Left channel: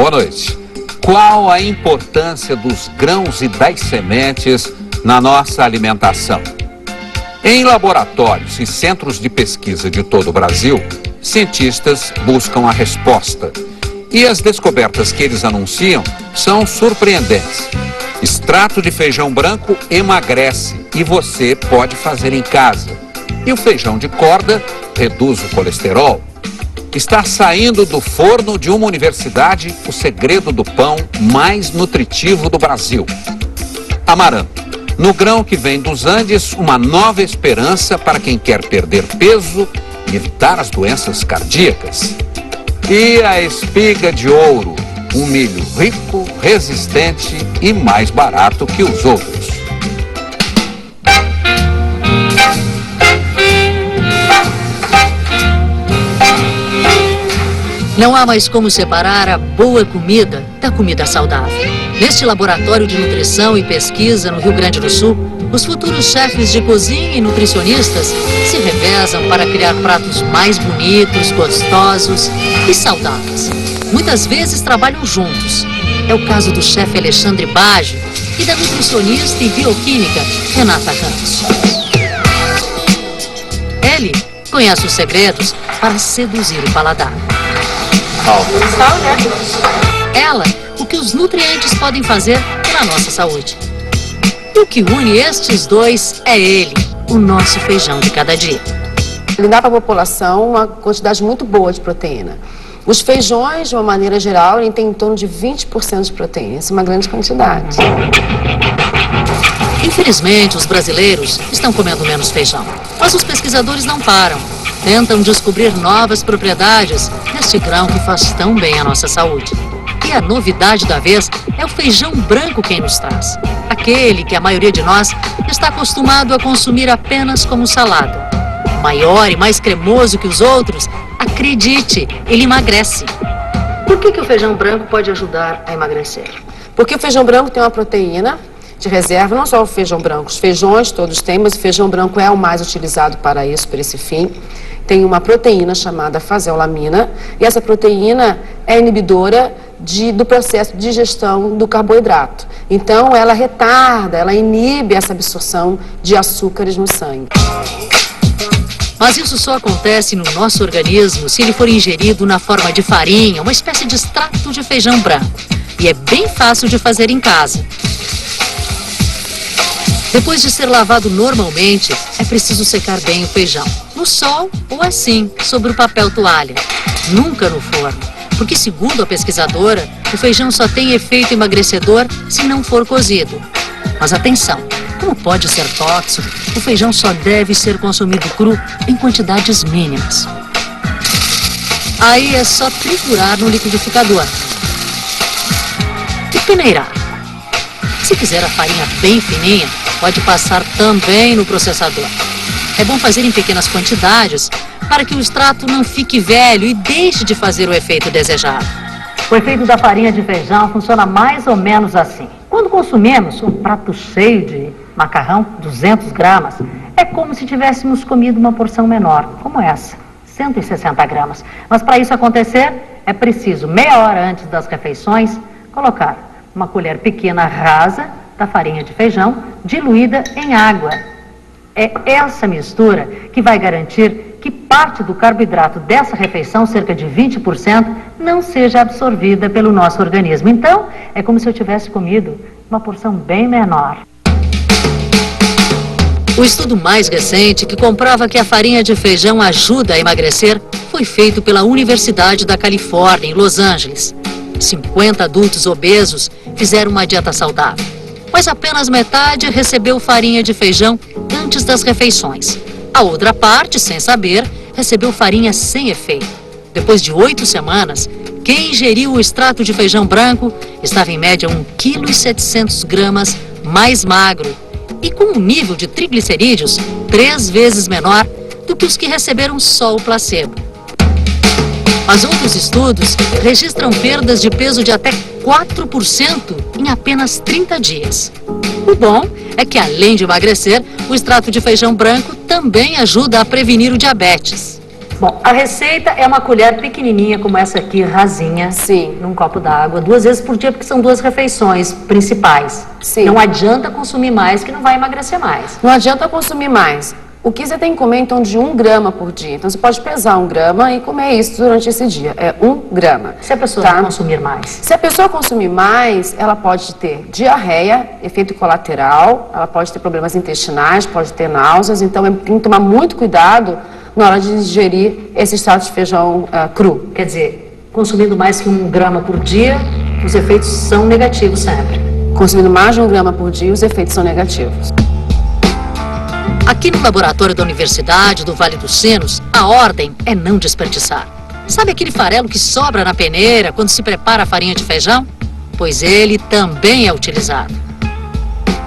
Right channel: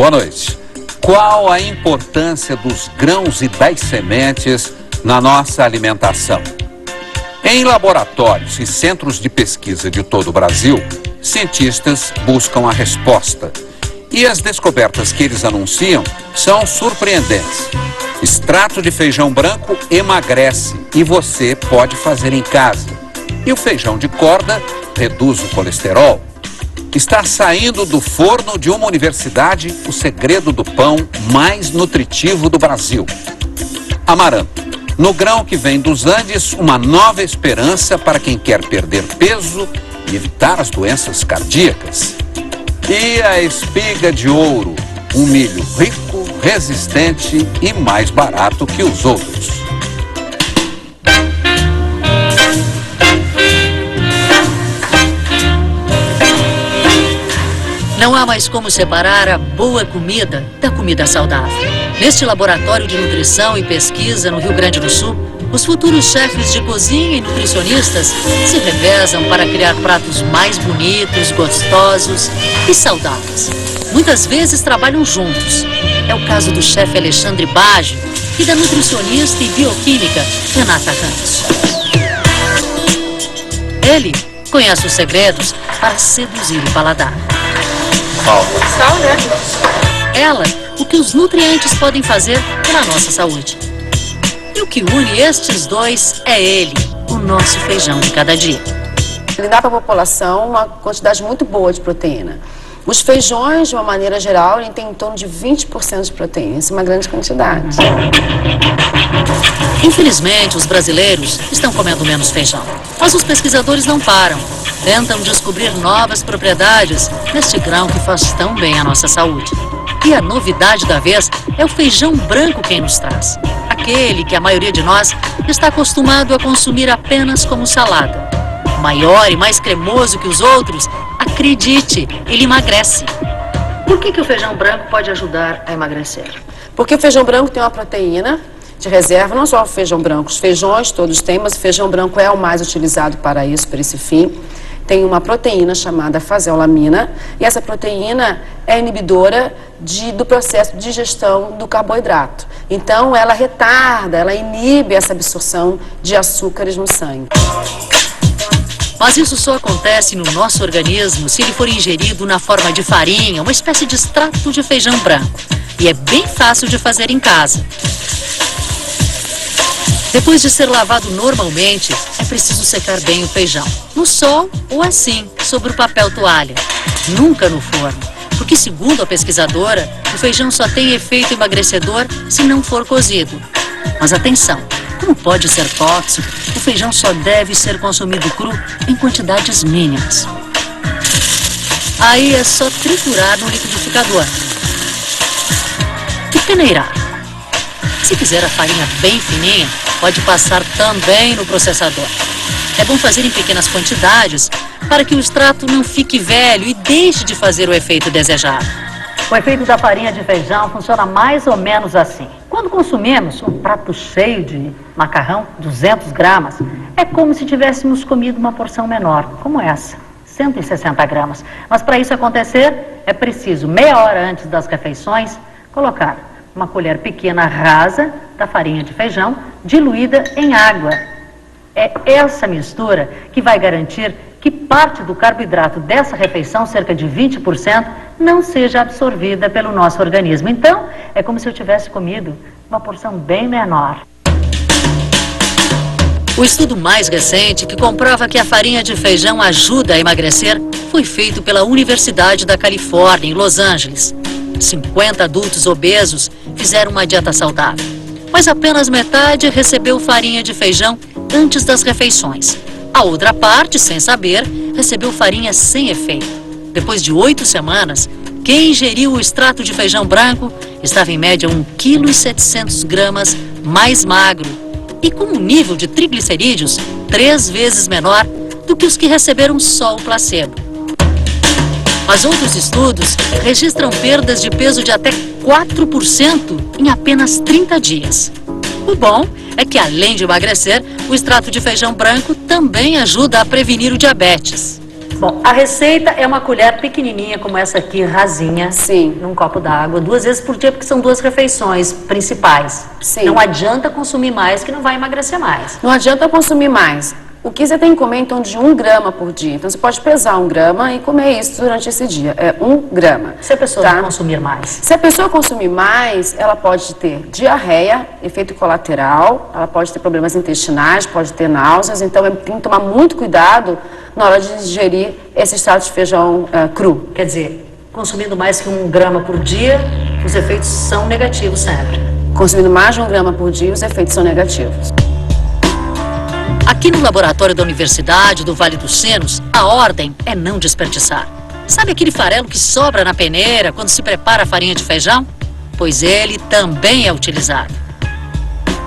Boa noite. Qual a importância dos grãos e das sementes na nossa alimentação? Em laboratórios e centros de pesquisa de todo o Brasil, cientistas buscam a resposta. E as descobertas que eles anunciam são surpreendentes. Extrato de feijão branco emagrece e você pode fazer em casa. E o feijão de corda reduz o colesterol. Está saindo do forno de uma universidade o segredo do pão mais nutritivo do Brasil. Amaranto. No grão que vem dos Andes, uma nova esperança para quem quer perder peso e evitar as doenças cardíacas. E a espiga de ouro, um milho rico, resistente e mais barato que os outros. Não há mais como separar a boa comida da comida saudável. Neste laboratório de nutrição e pesquisa no Rio Grande do Sul, os futuros chefes de cozinha e nutricionistas se revezam para criar pratos mais bonitos, gostosos e saudáveis. Muitas vezes trabalham juntos. É o caso do chefe Alexandre Baggio e da nutricionista e bioquímica Renata Ramos. Ele conhece os segredos para seduzir o paladar. Sal, né? Ela, o que os nutrientes podem fazer pela nossa saúde. E o que une estes dois é ele, o nosso feijão de cada dia. Ele dá para a população uma quantidade muito boa de proteína. Os feijões, de uma maneira geral, ele tem em torno de 20% de proteína. Isso é uma grande quantidade. Infelizmente, os brasileiros estão comendo menos feijão. Mas os pesquisadores não param. Tentam descobrir novas propriedades neste grão que faz tão bem à nossa saúde. E a novidade da vez é o feijão branco quem nos traz. Aquele que a maioria de nós está acostumado a consumir apenas como salada. Maior e mais cremoso que os outros, acredite, ele emagrece. Por que o feijão branco pode ajudar a emagrecer? Porque o feijão branco tem uma proteína de reserva, não só o feijão branco, os feijões todos têm, mas o feijão branco é o mais utilizado para isso, para esse fim. Tem uma proteína chamada faseolamina, e essa proteína é inibidora do processo de digestão do carboidrato. Então, ela retarda, ela inibe essa absorção de açúcares no sangue. Mas isso só acontece no nosso organismo se ele for ingerido na forma de farinha, uma espécie de extrato de feijão branco. E é bem fácil de fazer em casa. Depois de ser lavado normalmente, é preciso secar bem o feijão. No sol ou assim, sobre o papel toalha. Nunca no forno, porque segundo a pesquisadora, o feijão só tem efeito emagrecedor se não for cozido. Mas atenção, como pode ser tóxico, o feijão só deve ser consumido cru em quantidades mínimas. Aí é só triturar no liquidificador e peneirar. Se quiser a farinha bem fininha, pode passar também no processador. É bom fazer em pequenas quantidades para que o extrato não fique velho e deixe de fazer o efeito desejado. O efeito da farinha de feijão funciona mais ou menos assim. Quando consumimos um prato cheio de macarrão, 200 gramas, é como se tivéssemos comido uma porção menor, como essa, 160 gramas. Mas para isso acontecer, é preciso, meia hora antes das refeições, colocar uma colher pequena rasa da farinha de feijão diluída em água. É essa mistura que vai garantir que parte do carboidrato dessa refeição, cerca de 20%, não seja absorvida pelo nosso organismo. Então, é como se eu tivesse comido uma porção bem menor. O estudo mais recente que comprova que a farinha de feijão ajuda a emagrecer foi feito pela Universidade da Califórnia, em Los Angeles. 50 adultos obesos fizeram uma dieta saudável, mas apenas metade recebeu farinha de feijão antes das refeições. A outra parte, sem saber, recebeu farinha sem efeito. Depois de 8 semanas, quem ingeriu o extrato de feijão branco estava em média 1,7 kg mais magro e com um nível de triglicerídeos 3 vezes menor do que os que receberam só o placebo. Mas outros estudos registram perdas de peso de até 4% em apenas 30 dias. O bom é que, além de emagrecer, o extrato de feijão branco também ajuda a prevenir o diabetes. Bom, a receita é uma colher pequenininha como essa aqui, rasinha, Sim. num copo d'água, 2 vezes por dia, porque são 2 refeições principais. Sim. Não adianta consumir mais, que não vai emagrecer mais. Não adianta consumir mais. O que você tem que comer em torno de 1 grama por dia. Então, você pode pesar 1 grama e comer isso durante esse dia. É 1 grama. Se a pessoa Tá? não consumir mais. Se a pessoa consumir mais, ela pode ter diarreia, efeito colateral, ela pode ter problemas intestinais, pode ter náuseas. Então, tem que tomar muito cuidado na hora de digerir esse extrato de feijão cru. Quer dizer, consumindo mais que 1 grama por dia, os efeitos são negativos sempre. Consumindo mais de 1 grama por dia, os efeitos são negativos. Aqui no laboratório da Universidade do Vale dos Sinos, a ordem é não desperdiçar. Sabe aquele farelo que sobra na peneira quando se prepara a farinha de feijão? Pois ele também é utilizado.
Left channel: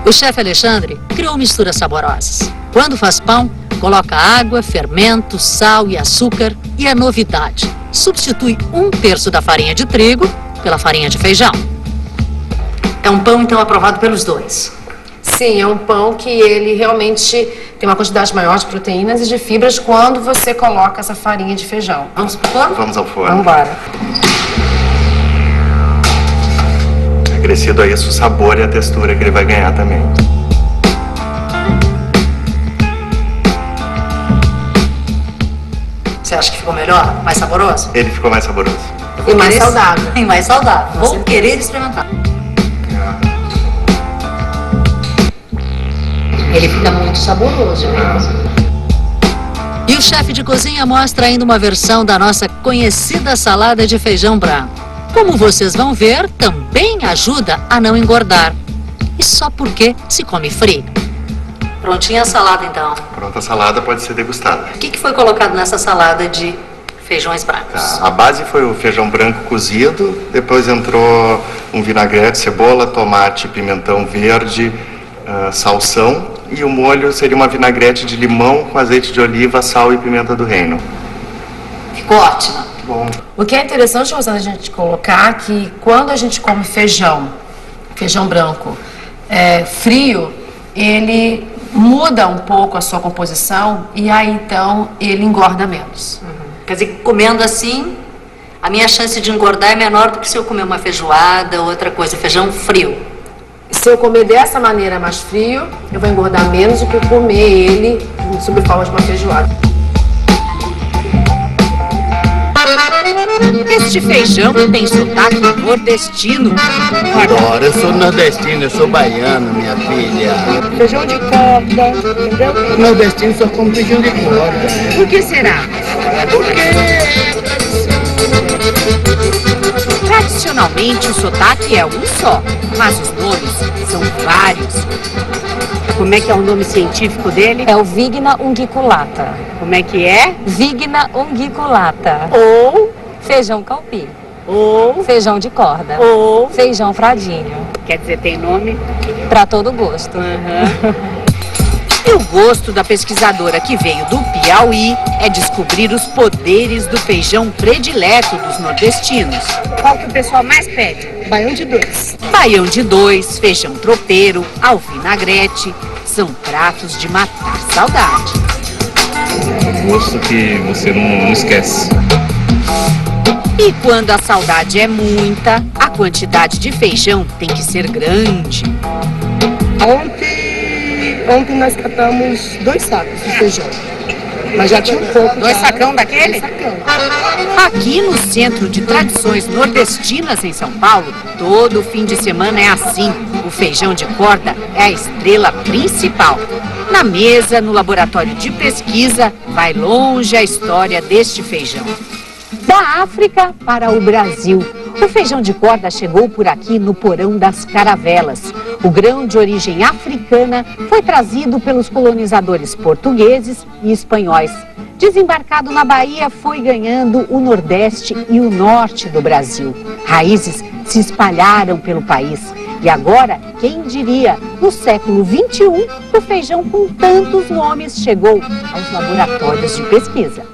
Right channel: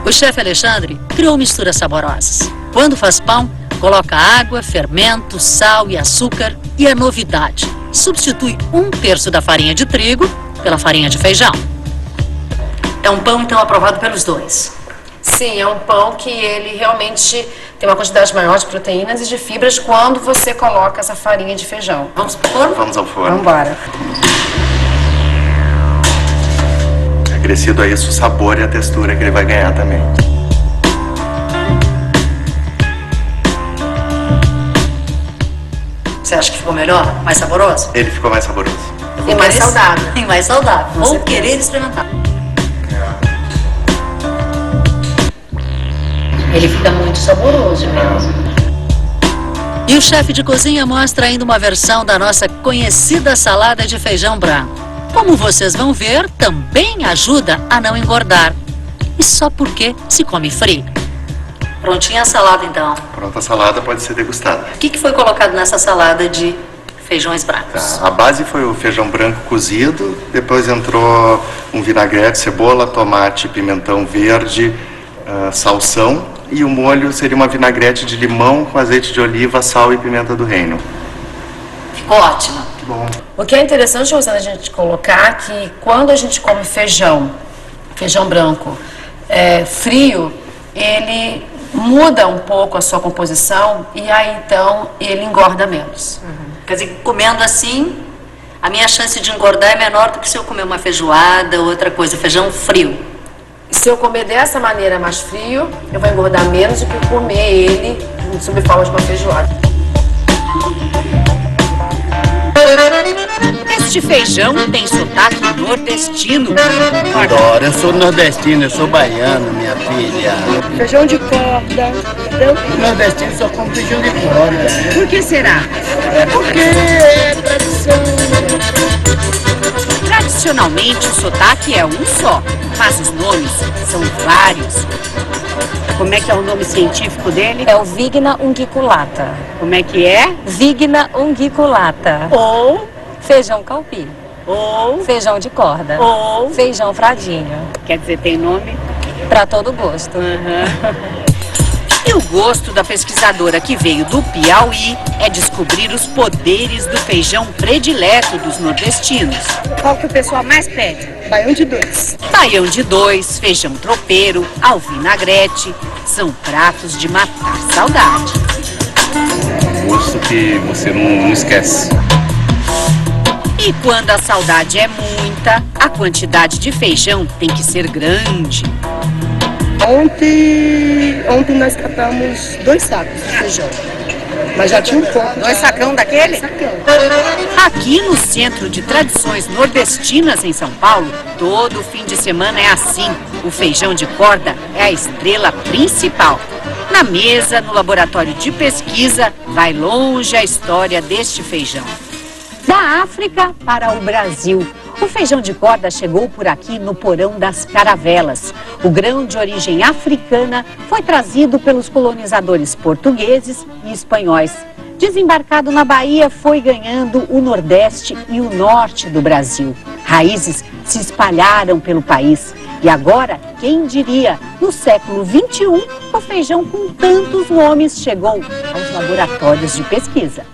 O chefe Alexandre criou misturas saborosas. Quando faz pão, coloca água, fermento, sal e açúcar. E a novidade, substitui 1/3 da farinha de trigo pela farinha de feijão. É um pão, então, aprovado pelos dois. Sim, é um pão que ele realmente tem uma quantidade maior de proteínas e de fibras quando você coloca essa farinha de feijão. Vamos pro forno? Vamos ao forno. Vamos embora. Acrescido a isso o sabor e a textura que ele vai ganhar também. Você acha que ficou melhor? Mais saboroso? Ele ficou mais saboroso. E mais saudável. E mais saudável. Vou certeza. querer experimentar. Ele fica muito saboroso mesmo. E o chefe de cozinha mostra ainda uma versão da nossa conhecida salada de feijão branco. Como vocês vão ver, também ajuda a não engordar. E só porque se come frio. Prontinha a salada, então. Pronta a salada pode ser degustada. O que foi colocado nessa salada de feijões brancos? Tá. A base foi o feijão branco cozido, depois entrou um vinagrete, cebola, tomate, pimentão verde, salsão, e o molho seria uma vinagrete de limão com azeite de oliva, sal e pimenta do reino. Ficou ótimo. Bom. O que é interessante, Rosana, a gente colocar que quando a gente come feijão branco frio, ele muda um pouco a sua composição e aí então ele engorda menos. Quer dizer, comendo assim, a minha chance de engordar é menor do que se eu comer uma feijoada ou outra coisa, feijão frio. Se eu comer dessa maneira mais frio, eu vou engordar menos do que comer ele sob forma de uma feijoada. Este feijão tem sotaque nordestino. Adoro, eu sou nordestino, eu sou baiano, minha filha. Feijão de corda, entendeu? Nordestino só come feijão de corda. Por que será? Porque é tradição. Tradicionalmente o sotaque é um só, mas os nomes são vários. Como é que é o nome científico dele? É o Vigna unguiculata. Como é que é? Vigna unguiculata. Ou, Feijão calpi. ou, Feijão de corda. ou, Feijão fradinho. quer dizer, tem nome? Para todo gosto. E o gosto da pesquisadora que veio do Piauí é descobrir os poderes do feijão predileto dos nordestinos. Qual que o pessoal mais pede? Baião de 2. Baião de 2, feijão tropeiro, alvinagrete, são pratos de matar saudade. Um gosto que você não esquece. E quando a saudade é muita, a quantidade de feijão tem que ser grande. Ontem nós catamos 2 sacos de feijão, mas já tinha um pouco. 2 sacão daquele? 2 sacão. Aqui no Centro de Tradições Nordestinas, em São Paulo, todo fim de semana é assim. O feijão de corda é a estrela principal. Na mesa, no laboratório de pesquisa, vai longe a história deste feijão. Da África para o Brasil. O feijão de corda chegou por aqui no porão das caravelas. O grão de origem africana foi trazido pelos colonizadores portugueses e espanhóis. Desembarcado na Bahia, foi ganhando o Nordeste e o Norte do Brasil. Raízes se espalharam pelo país. E agora, quem diria, no século XXI, o feijão com tantos nomes chegou aos laboratórios de pesquisa.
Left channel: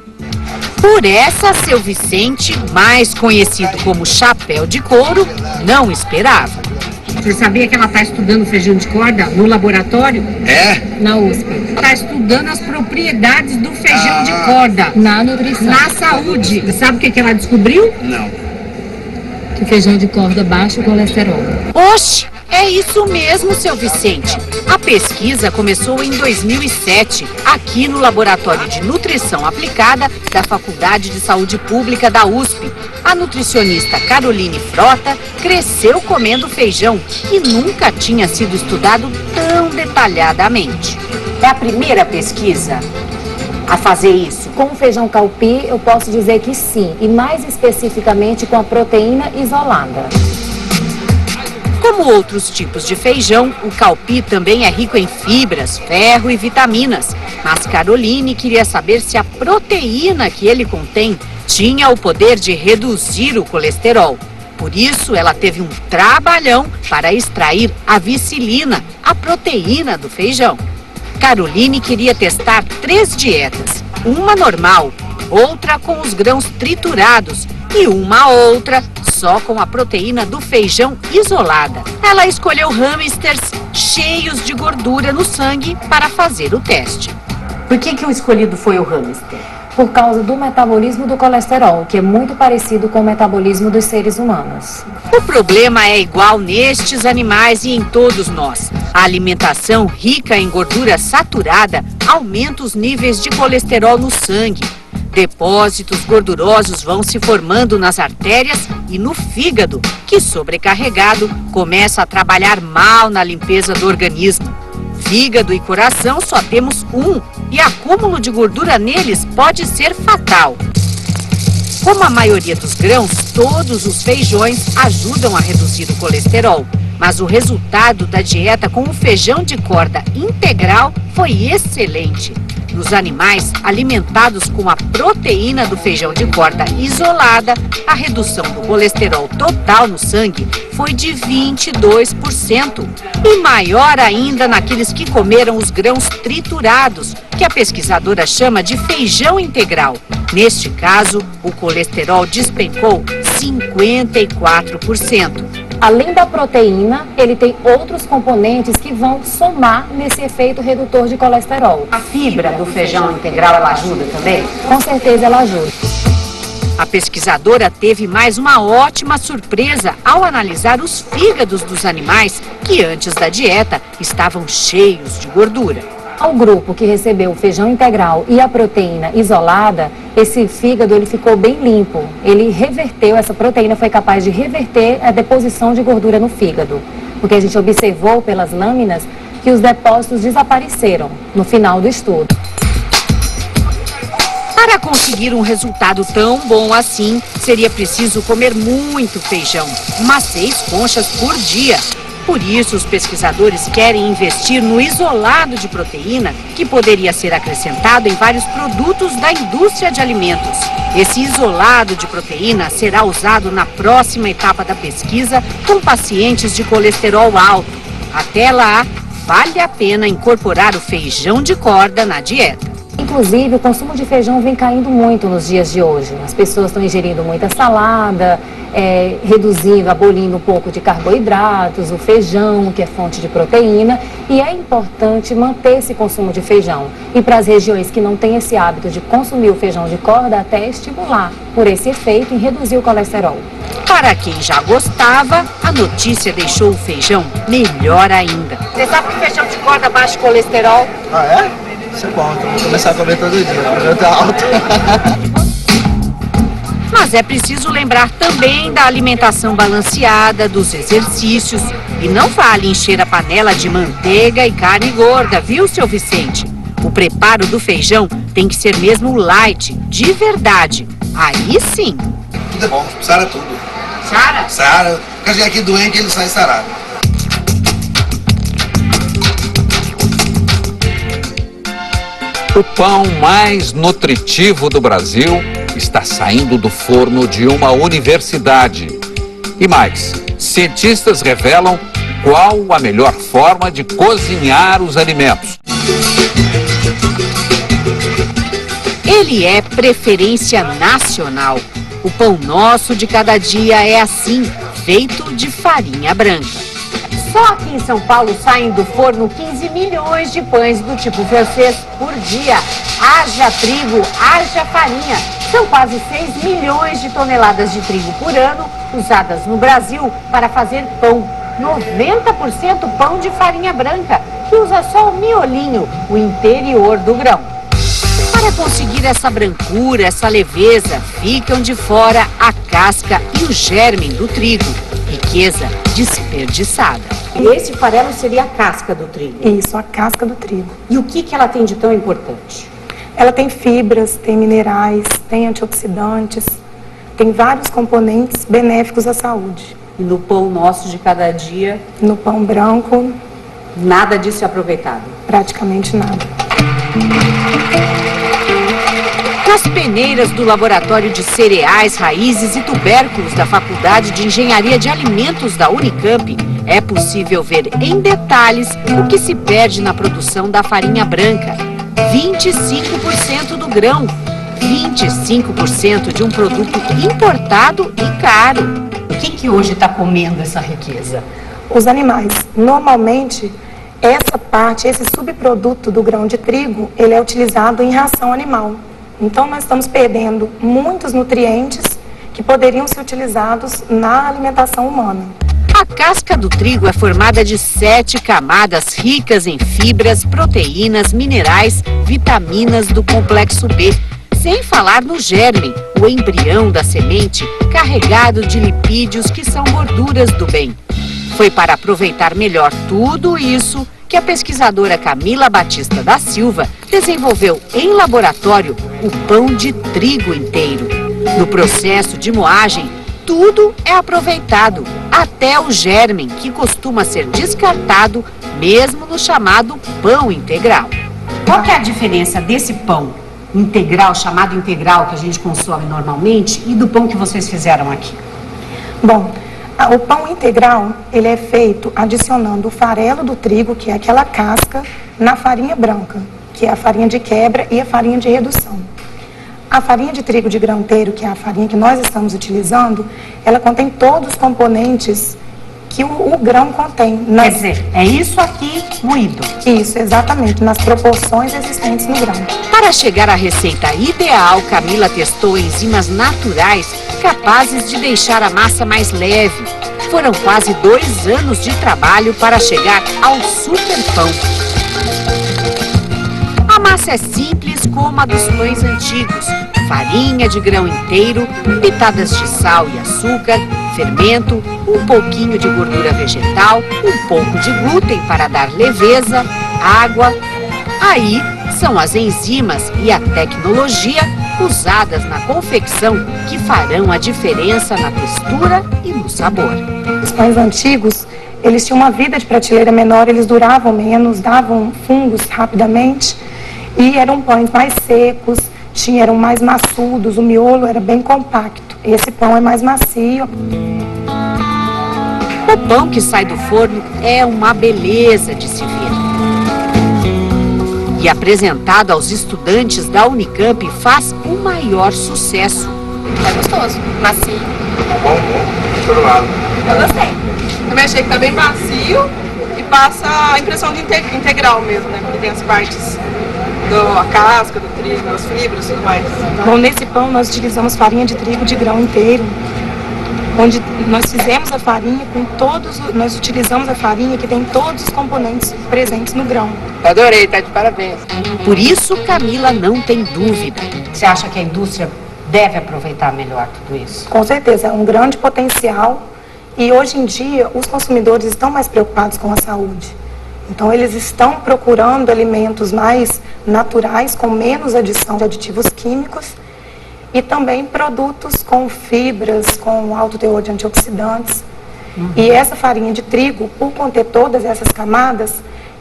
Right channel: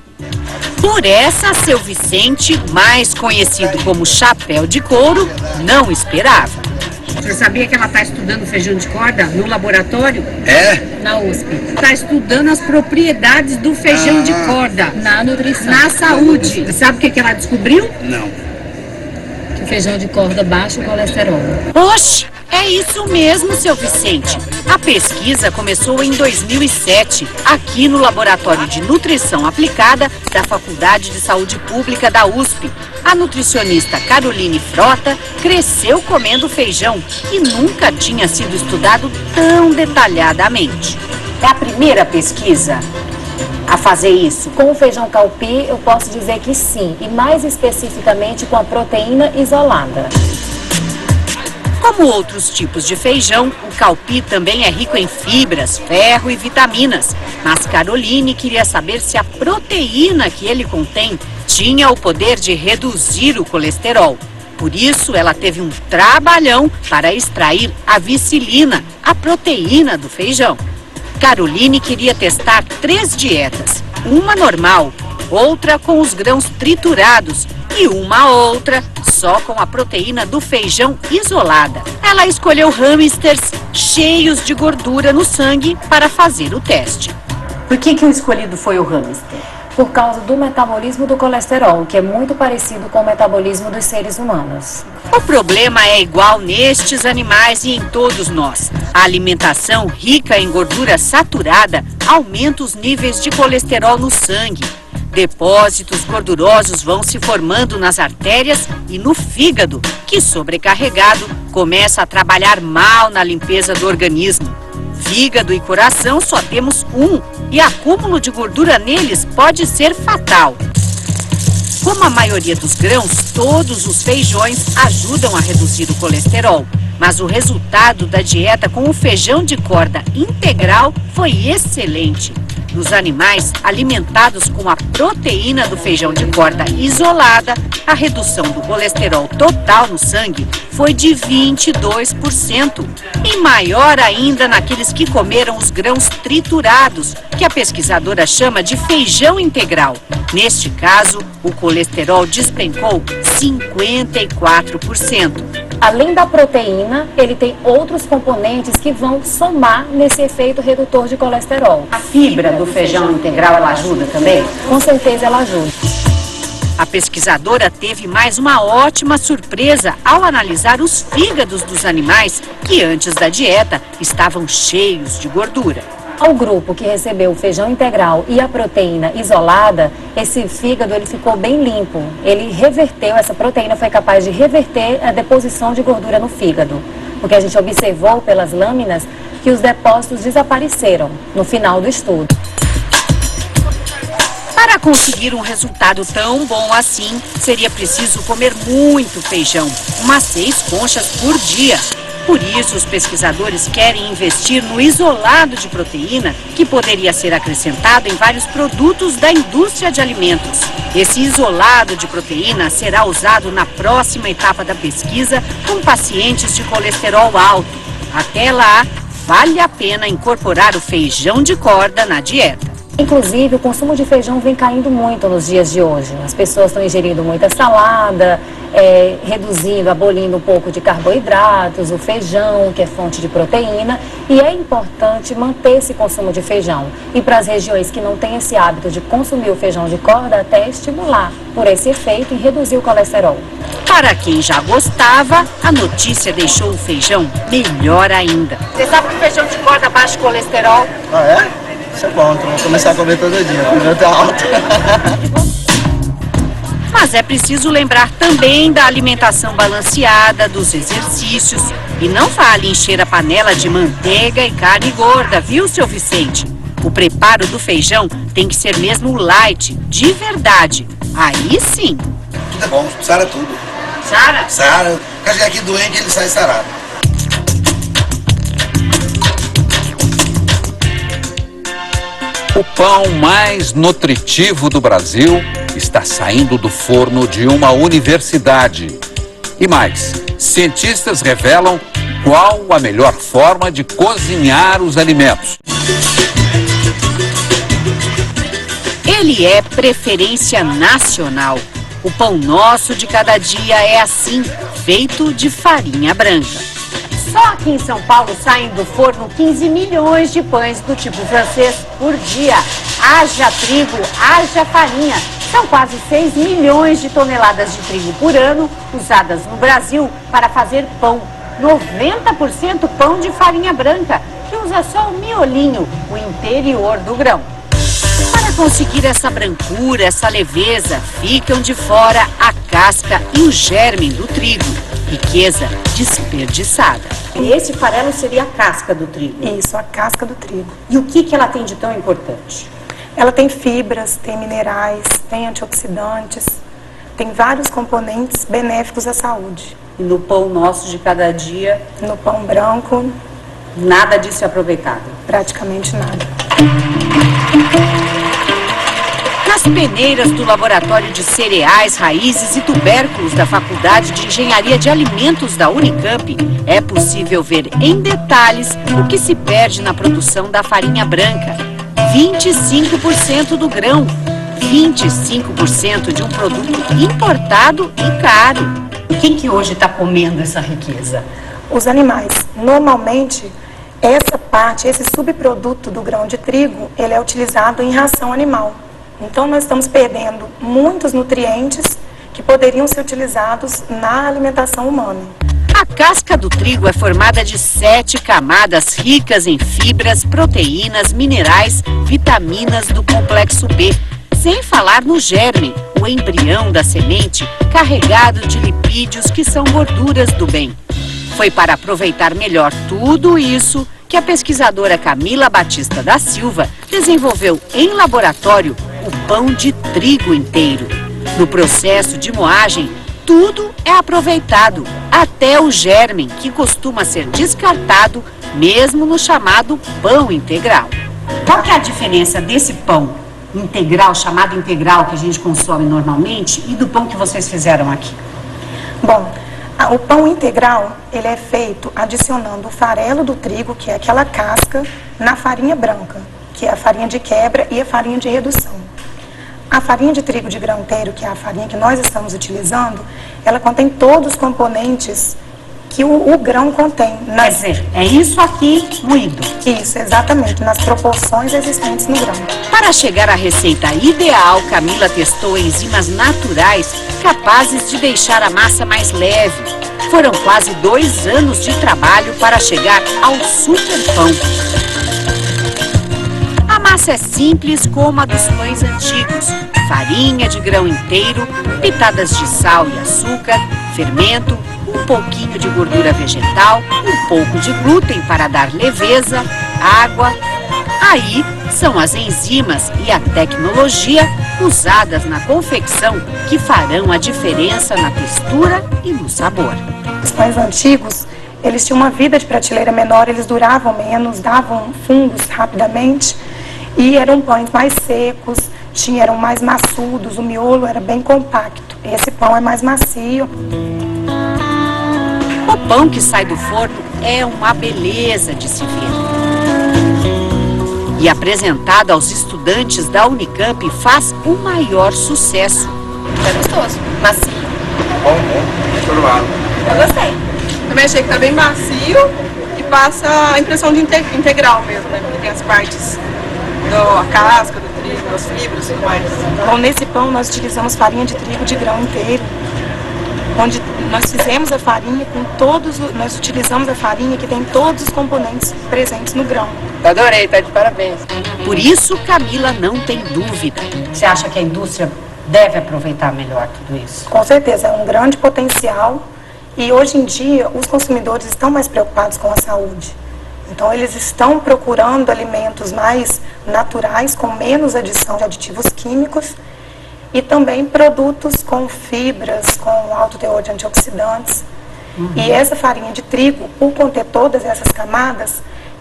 Por essa, seu Vicente, mais conhecido como Chapéu de Couro, não esperava. Você sabia que ela está estudando feijão de corda no laboratório? É? Na USP. Está estudando as propriedades do feijão de corda. Na nutrição. Na saúde. Sabe o que ela descobriu? Não. Que feijão de corda baixa o colesterol. Oxe, é isso mesmo, seu Vicente. A pesquisa começou em 2007, aqui no Laboratório de Nutrição Aplicada da Faculdade de Saúde Pública da USP. A nutricionista Caroline Frota cresceu comendo feijão e nunca tinha sido estudado tão detalhadamente. É a primeira pesquisa a fazer isso? Com o feijão calpi, eu posso dizer que sim, e mais especificamente com a proteína isolada. Como outros tipos de feijão, o calpi também é rico em fibras, ferro e vitaminas. Mas Caroline queria saber se a proteína que ele contém tinha o poder de reduzir o colesterol. Por isso, ela teve um trabalhão para extrair a vicilina, a proteína do feijão. Caroline queria testar 3 dietas, uma normal, outra com os grãos triturados e uma outra só com a proteína do feijão isolada. Ela escolheu hamsters cheios de gordura no sangue para fazer o teste. Por que o escolhido foi o hamster? Por causa do metabolismo do colesterol, que é muito parecido com o metabolismo dos seres humanos. O problema é igual nestes animais e em todos nós. A alimentação rica em gordura saturada aumenta os níveis de colesterol no sangue. Depósitos gordurosos vão se formando nas artérias e no fígado, que, sobrecarregado, começa a trabalhar mal na limpeza do organismo. Fígado e coração só temos um, e acúmulo de gordura neles pode ser fatal. Como a maioria dos grãos, todos os feijões ajudam a reduzir o colesterol. Mas o resultado da dieta com o feijão de corda integral foi excelente. Nos animais alimentados com a proteína do feijão de corda isolada, a redução do colesterol total no sangue foi de 22%. E maior ainda naqueles que comeram os grãos triturados, que a pesquisadora chama de feijão integral. Neste caso, o colesterol despencou 54%. Além da proteína, ele tem outros componentes que vão somar nesse efeito redutor de colesterol. A fibra do feijão integral, ela ajuda também? Com certeza ela ajuda. A pesquisadora teve mais uma ótima surpresa ao analisar os fígados dos animais que antes da dieta estavam cheios de gordura. Ao grupo que recebeu o feijão integral e a proteína isolada, esse fígado ele ficou bem limpo. Ele reverteu, essa proteína foi capaz de reverter a deposição de gordura no fígado. Porque a gente observou pelas lâminas que os depósitos desapareceram no final do estudo. Para conseguir um resultado tão bom assim, seria preciso comer muito feijão, umas 6 conchas por dia. Por isso, os pesquisadores querem investir no isolado de proteína, que poderia ser acrescentado em vários produtos da indústria de alimentos. Esse isolado de proteína será usado na próxima etapa da pesquisa com pacientes de colesterol alto. Até lá, vale a pena incorporar o feijão de corda na dieta. Inclusive, o consumo de feijão vem caindo muito nos dias de hoje. As pessoas estão ingerindo muita salada, reduzindo, abolindo um pouco de carboidratos, o feijão, que é fonte de proteína, e é importante manter esse consumo de feijão. E para as regiões que não têm esse hábito de consumir o feijão de corda, até estimular por esse efeito em reduzir o colesterol. Para quem já gostava, a notícia deixou o feijão melhor ainda. Você sabe que o feijão de corda baixa o colesterol? Ah, é? Isso é bom, então vou começar a comer todo dia, porque o meu tá alto. Mas é preciso lembrar também da alimentação balanceada, dos exercícios. E não vale encher a panela de manteiga e carne gorda, viu, seu Vicente? O preparo do feijão tem que ser mesmo light, de verdade. Aí sim. Tudo é bom, sara tudo. Sara? Sara, quando chegar aqui doente, ele sai sarado. O pão mais nutritivo do Brasil está saindo do forno de uma universidade. E mais, cientistas revelam qual a melhor forma de cozinhar os alimentos. Ele é preferência nacional. O pão nosso de cada dia é assim, feito de farinha branca. Só aqui em São Paulo saem do forno 15 milhões de pães do tipo francês por dia. Haja trigo, haja farinha. São quase 6 milhões de toneladas de trigo por ano usadas no Brasil para fazer pão. 90% pão de farinha branca, que usa só o miolinho, o interior do grão. Para conseguir essa brancura, essa leveza, ficam de fora a casca e o germe do trigo. Riqueza desperdiçada. E esse farelo seria a casca do trigo? Isso, a casca do trigo. E o que ela tem de tão importante? Ela tem fibras, tem minerais, tem antioxidantes, tem vários componentes benéficos à saúde. No pão nosso de cada dia? No pão branco? Nada disso é aproveitado? Praticamente nada. Nas peneiras do Laboratório de Cereais, Raízes e Tubérculos da Faculdade de Engenharia de Alimentos da Unicamp, é possível ver em detalhes o que se perde na produção da farinha branca. 25% do grão, 25% de um produto importado e caro. Quem que hoje está comendo essa riqueza? Os animais. Normalmente, essa parte, esse subproduto do grão de trigo, ele é utilizado em ração animal. Então, nós estamos perdendo muitos nutrientes que poderiam ser utilizados na alimentação humana. A casca do trigo é formada de 7 camadas ricas em fibras, proteínas, minerais, vitaminas do complexo B. Sem falar no germe, o embrião da semente, carregado de lipídios que são gorduras do bem. Foi para aproveitar melhor tudo isso que a pesquisadora Camila Batista da Silva desenvolveu em laboratório o pão de trigo inteiro. No processo de moagem, tudo é aproveitado, até o germe, que costuma ser descartado mesmo no chamado pão integral. Qual que é a diferença desse pão integral, chamado integral, que a gente consome normalmente, e do pão que vocês fizeram aqui? Bom, o pão integral, ele é feito adicionando o farelo do trigo, que é aquela casca, na farinha branca, que é a farinha de quebra e a farinha de redução. A farinha de trigo de grão inteiro, que é a farinha que nós estamos utilizando, ela contém todos os componentes que o grão contém. Quer dizer, é isso aqui moído? Isso, exatamente, nas proporções existentes no grão. Para chegar à receita ideal, Camila testou enzimas naturais capazes de deixar a massa mais leve. Foram quase 2 anos de trabalho para chegar ao super pão. A massa é simples como a dos pães antigos. Farinha de grão inteiro, pitadas de sal e açúcar, fermento, um pouquinho de gordura vegetal, um pouco de glúten para dar leveza, água. Aí são as enzimas e a tecnologia usadas na confecção que farão a diferença na textura e no sabor. Os pães antigos, eles tinham uma vida de prateleira menor, eles duravam menos, davam fungos rapidamente e eram pães mais secos, eram mais maçudos, o miolo era bem compacto. Esse pão é mais macio. O pão que sai do forno é uma beleza de se ver. E apresentado aos estudantes da Unicamp faz o maior sucesso. Tá gostoso, macio. Bom, choroado. Eu gostei. Também achei que tá bem macio e passa a impressão de integral mesmo, né? Porque tem as partes da casca, do trigo, das fibras e tudo mais. Bom, nesse pão nós utilizamos farinha de trigo de grão inteiro, onde nós fizemos a farinha com nós utilizamos a farinha que tem todos os componentes presentes no grão. Adorei, tá de parabéns. Por isso, Camila não tem dúvida. Você acha que a indústria deve aproveitar melhor tudo isso? Com certeza, é um grande potencial e hoje em dia os consumidores estão mais preocupados com a saúde. Então eles estão procurando alimentos mais naturais, com menos adição de aditivos químicos e também produtos com fibras, com alto teor de antioxidantes. E essa farinha de trigo, por conter todas essas camadas,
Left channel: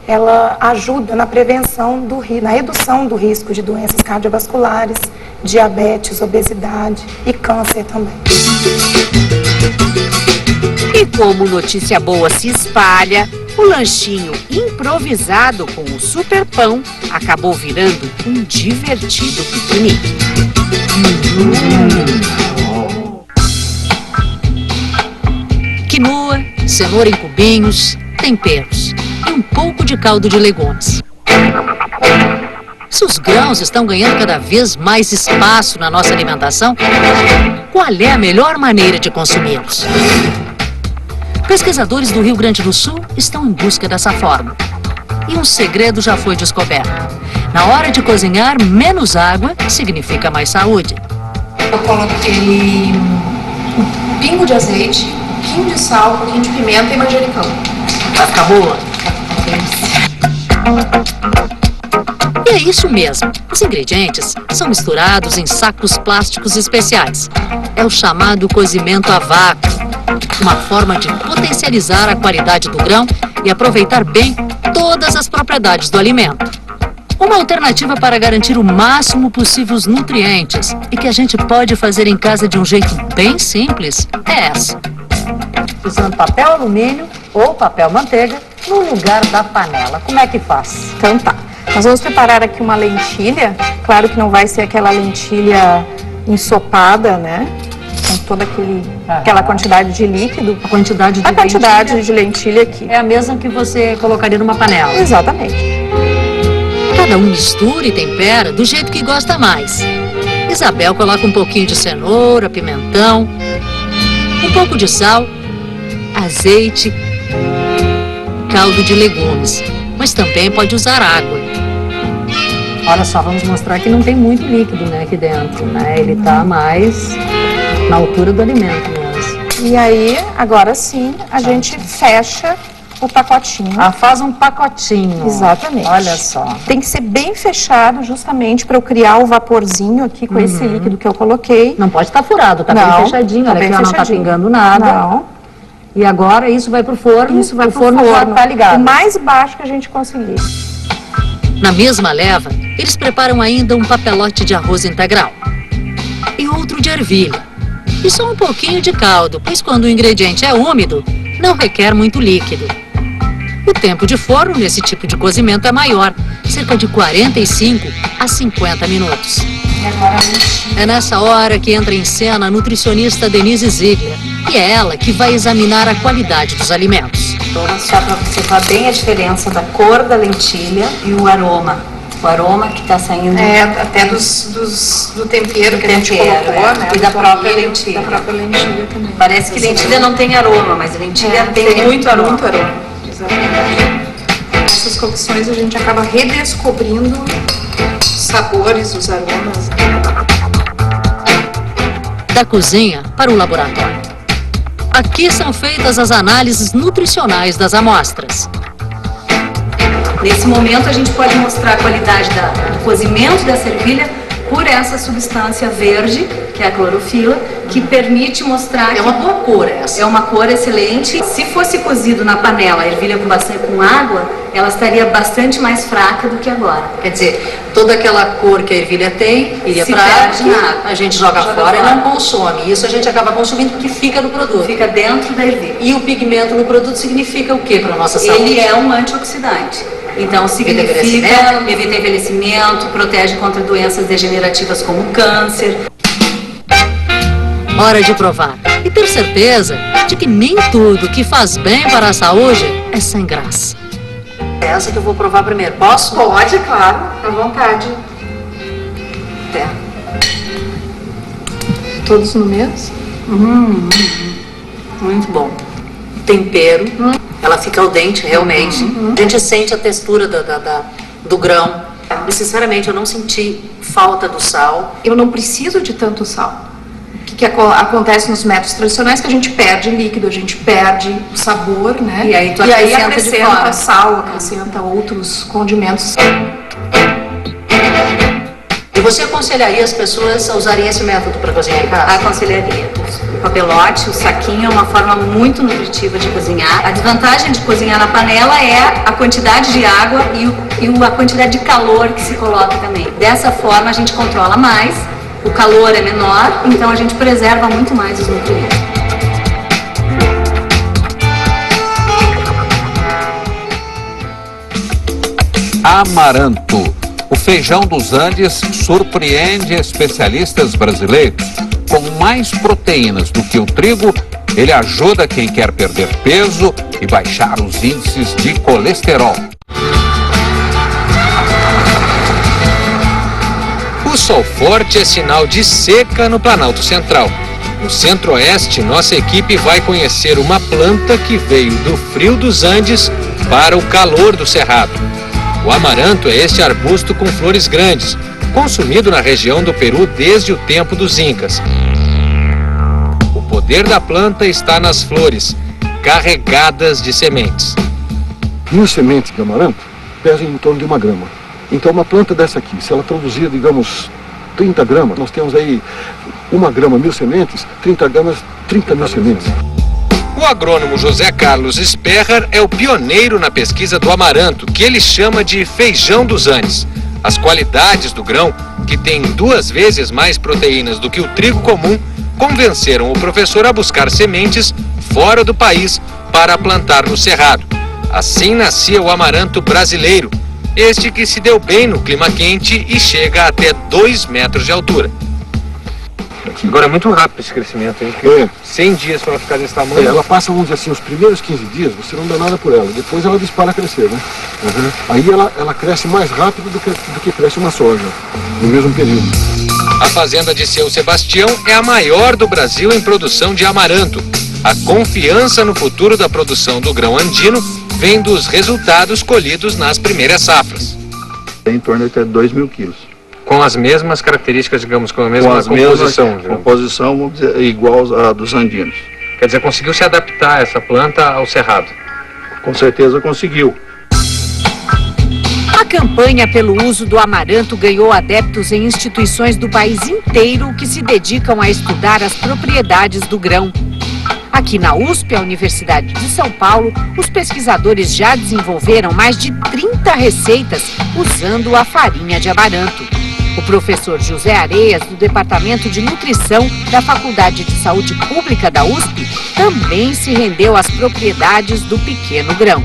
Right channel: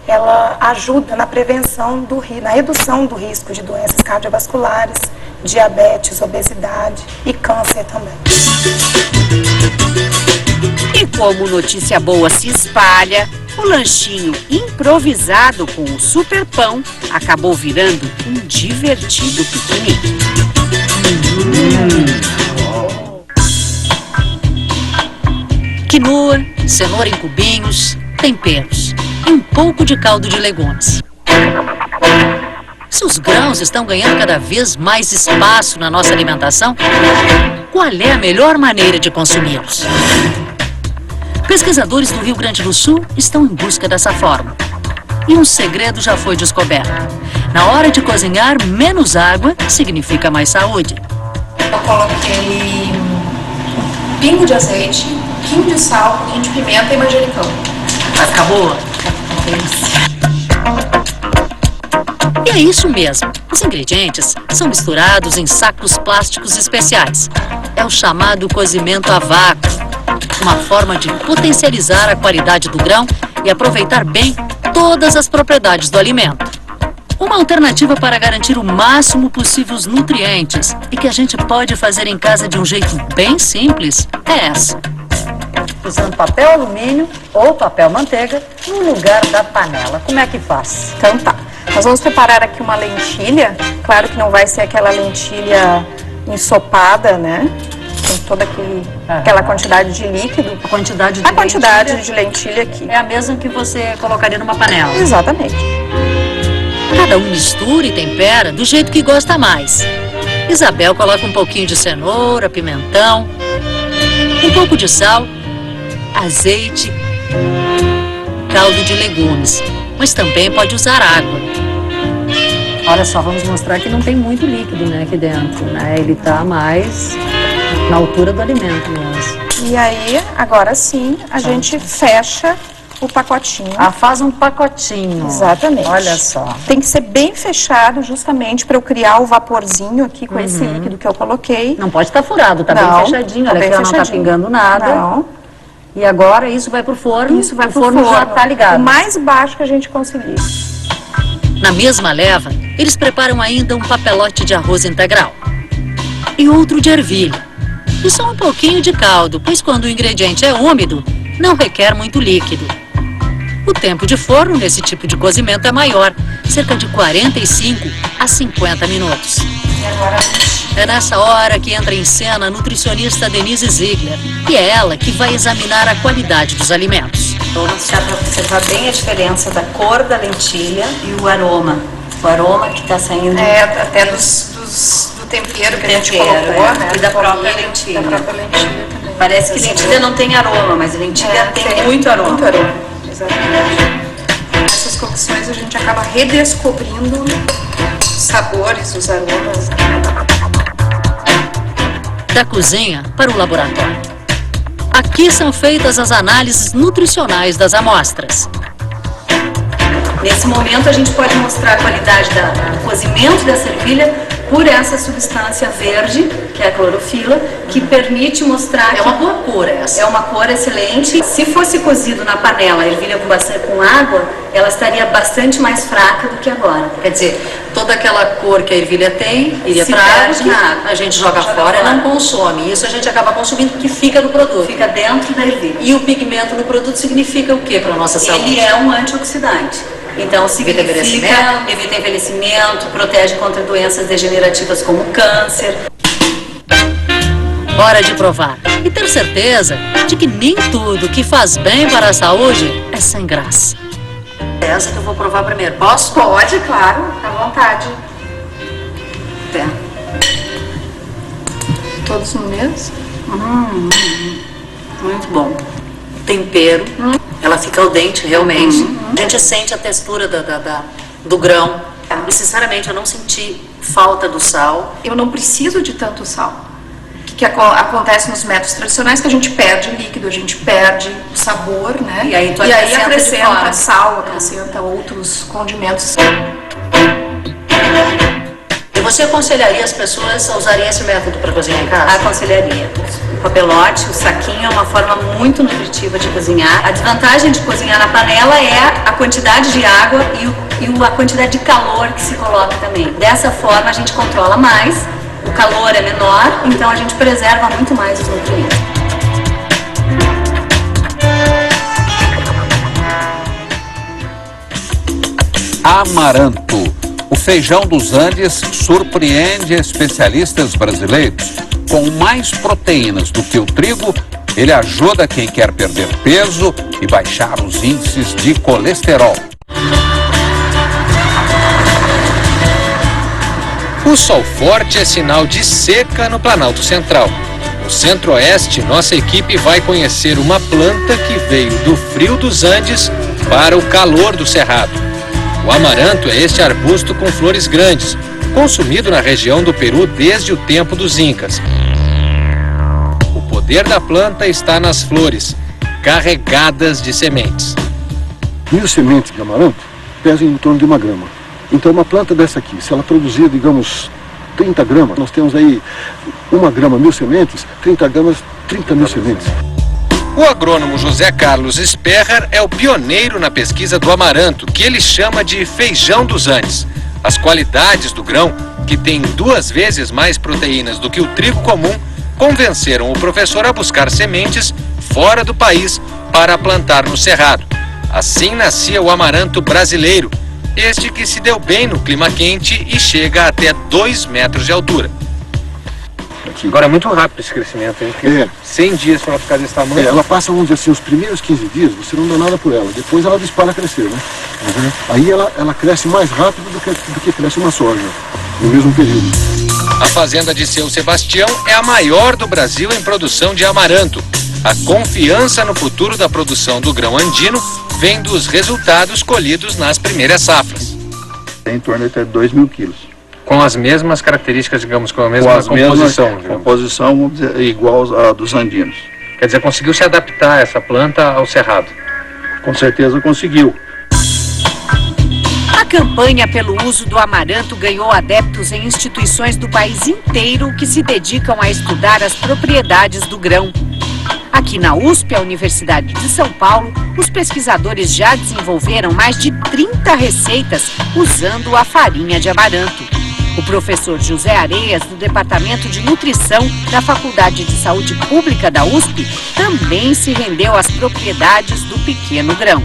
ela ajuda na prevenção, na redução do risco de doenças cardiovasculares, diabetes, obesidade e câncer também. E como notícia boa se espalha, o lanchinho improvisado com o super pão acabou virando um divertido piquenique. Quinoa, cenoura em cubinhos, temperos e um pouco de caldo de legumes. Se os grãos estão ganhando cada vez mais espaço na nossa alimentação, qual é a melhor maneira de consumi-los? Pesquisadores do Rio Grande do Sul estão em busca dessa forma. E um segredo já foi descoberto. Na hora de cozinhar, menos água significa mais saúde. Eu coloquei um pingo de azeite, um pouquinho de sal, um pouquinho de pimenta e manjericão. Vai ficar boa? E é isso mesmo. Os ingredientes são misturados em sacos plásticos especiais. É o chamado cozimento a vácuo, uma forma de potencializar a qualidade do grão e aproveitar bem todas as propriedades do alimento. Uma alternativa para garantir o máximo possível os nutrientes e que a gente pode fazer em casa de um jeito bem simples é essa. Usando papel alumínio ou papel manteiga no lugar da panela. Como é que faz? Então tá. Nós vamos preparar aqui uma lentilha. Claro que não vai ser aquela lentilha ensopada, né? Com toda aquela quantidade de líquido. A quantidade de lentilha aqui. É a mesma que você colocaria numa panela. Exatamente. Cada um mistura e tempera do jeito que gosta mais. Isabel coloca um pouquinho de cenoura, pimentão, um pouco de sal, azeite, caldo de legumes, mas também pode usar água. Olha só, vamos mostrar que não tem muito líquido, né, aqui dentro, né? Ele tá mais na altura do alimento mesmo. E aí, agora sim, a gente fecha o pacotinho. Ah, faz um pacotinho. Exatamente. Olha só. Tem que ser bem fechado justamente para eu criar o vaporzinho aqui com esse líquido que eu coloquei. Não pode estar furado, tá bem fechadinho. Tá olha bem aqui, ó, não tá pingando nada. Não. E agora isso vai pro forno. Isso vai o pro forno já forno. tá ligado. O mais baixo que a gente conseguir. Na mesma leva, eles preparam ainda um papelote de arroz integral e outro de ervilha. E só um pouquinho de caldo, pois quando o ingrediente é úmido, não requer muito líquido. O tempo de forno nesse tipo de cozimento é maior, cerca de 45 a 50 minutos. E agora É nessa hora que entra em cena a nutricionista Denise Ziegler, e é ela que vai examinar a qualidade dos alimentos. Então, dá para observar bem a diferença da cor da lentilha e o aroma. O aroma que está saindo... até do tempero que a gente colocou, né? E da própria lentilha. Da própria lentilha também. Parece que lentilha não tem aroma, mas a lentilha tem muito aroma. Muito aroma, exatamente. Essas cocções a gente acaba redescobrindo os sabores, os aromas. Da cozinha para o laboratório. Aqui são feitas as análises nutricionais das amostras. Nesse momento a gente pode mostrar a qualidade do cozimento dessa ervilha por essa substância verde, que é a clorofila, que permite mostrar... É uma boa cor essa. É uma cor excelente. Se fosse cozido na panela a ervilha com água, ela estaria bastante mais fraca do que agora. Quer dizer, toda aquela cor que a ervilha tem, iria Se para perde na água, água. a gente joga fora e não consome. Isso a gente acaba consumindo porque fica no produto. Fica dentro da ervilha. E o pigmento no produto significa o que para a nossa saúde? Ele é um antioxidante. Então, significa evita envelhecimento, protege contra doenças degenerativas como câncer. Hora de provar e ter certeza de que nem tudo que faz bem para a saúde é sem graça. Essa que eu vou provar primeiro, posso? Pode, claro, à vontade. É. Todos no mesmo? Muito bom. Tempero, ela fica al dente realmente. A gente sente a textura do grão. E sinceramente eu não senti falta do sal. Eu não preciso de tanto sal. O que acontece nos métodos tradicionais é que a gente perde líquido, a gente perde o sabor, né? E aí tu acrescenta sal, acrescenta outros condimentos. E você aconselharia as pessoas a usarem esse método para cozinhar em casa? Aconselharia. O papelote, o saquinho é uma forma muito nutritiva de cozinhar. A desvantagem de cozinhar na panela é a quantidade de água e a quantidade de calor que se coloca também. Dessa forma a gente controla mais, o calor é menor, então a gente preserva muito mais os nutrientes. Amaranto. O feijão dos Andes surpreende especialistas brasileiros. Com mais proteínas do que o trigo, Ele ajuda quem quer perder peso e baixar os índices de colesterol. O sol forte é sinal de seca no Planalto Central. No Centro-Oeste, nossa equipe vai conhecer uma planta que veio do frio dos Andes para o calor do Cerrado. O amaranto é este arbusto com flores grandes, consumido na região do Peru desde o tempo dos Incas. O poder da planta está nas flores, carregadas de sementes. 1000 sementes de amaranto pesam em torno de 1 grama. Então uma planta dessa aqui, se ela produzir, digamos, 30 gramas, nós temos aí 1 grama, 1000 sementes, 30 gramas, 30.000 sementes. O agrônomo José Carlos Sperrer é o pioneiro na pesquisa do amaranto, que ele chama de feijão dos Andes. As qualidades do grão, que tem 2 vezes mais proteínas do que o trigo comum, convenceram o professor a buscar sementes fora do país para plantar no Cerrado. Assim nascia o amaranto brasileiro, este que se deu bem no clima quente e chega até 2 metros de altura. Agora é muito rápido esse crescimento, hein? 100 dias para ela ficar desse tamanho. Ela passa, vamos dizer assim, os primeiros 15 dias, você não dá nada por ela. Depois ela dispara a crescer, né? Aí ela cresce mais rápido do que cresce uma soja, no mesmo período. A fazenda de Seu Sebastião é a maior do Brasil em produção de amaranto. A confiança no futuro da produção do grão andino vem dos resultados colhidos nas primeiras safras. Em torno de até 2.000 quilos. Com as mesmas características, digamos, com a mesma composição. Composição, vamos dizer, igual a dos andinos. Quer dizer, conseguiu se adaptar essa planta ao cerrado? Com certeza conseguiu. A campanha pelo uso do amaranto ganhou adeptos em instituições do país inteiro que se dedicam a estudar as propriedades do grão. Aqui na USP, a Universidade de São Paulo, os pesquisadores já desenvolveram mais de 30 receitas usando a farinha de amaranto. O professor José Areias, do Departamento de Nutrição da Faculdade de Saúde Pública da USP, também se rendeu às propriedades do pequeno grão.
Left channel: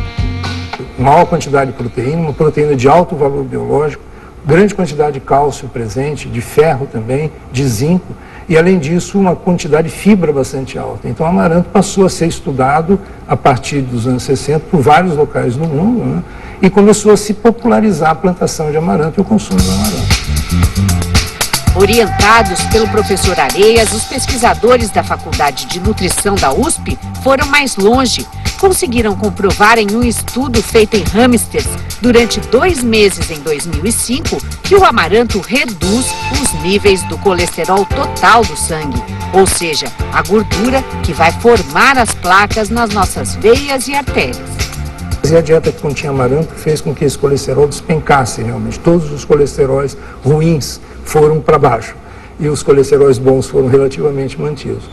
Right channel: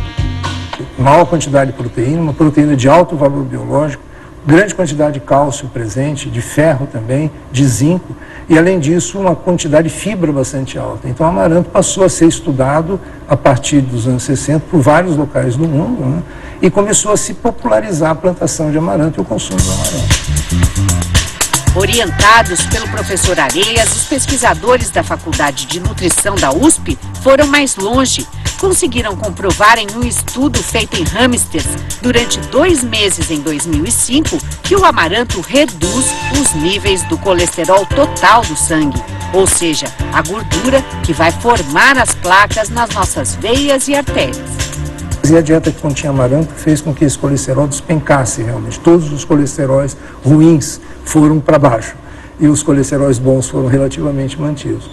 Maior quantidade de proteína, uma proteína de alto valor biológico, grande quantidade de cálcio presente, de ferro também, de zinco, e além disso uma quantidade de fibra bastante alta. Então o amaranto passou a ser estudado a partir dos anos 60 por vários locais do mundo, né? E começou a se popularizar a plantação de amaranto e o consumo do amaranto. Orientados pelo professor Areias, os pesquisadores da Faculdade de Nutrição da USP foram mais longe. Conseguiram comprovar em um estudo feito em hamsters durante 2 meses em 2005 que o amaranto reduz os níveis do colesterol total do sangue, ou seja, a gordura que vai formar as placas nas nossas veias e artérias. E a dieta que continha amaranto fez com que esse colesterol despencasse realmente. Todos os colesteróis ruins foram para baixo e os colesteróis bons foram relativamente mantidos.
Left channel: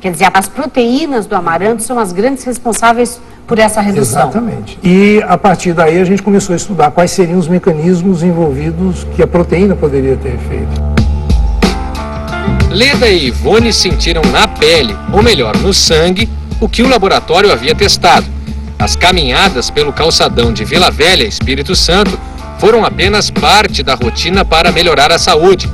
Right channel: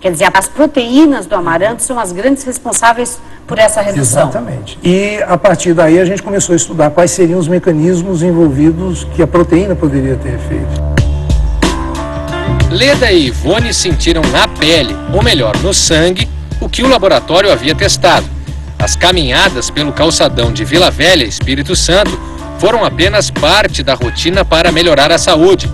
Quer dizer, as proteínas do amaranto são as grandes responsáveis por essa redução. Exatamente. E a partir daí a gente começou a estudar quais seriam os mecanismos envolvidos que a proteína poderia ter feito. Leda e Ivone sentiram na pele, ou melhor, no sangue, o que o laboratório havia testado. As caminhadas pelo calçadão de Vila Velha, Espírito Santo, foram apenas parte da rotina para melhorar a saúde.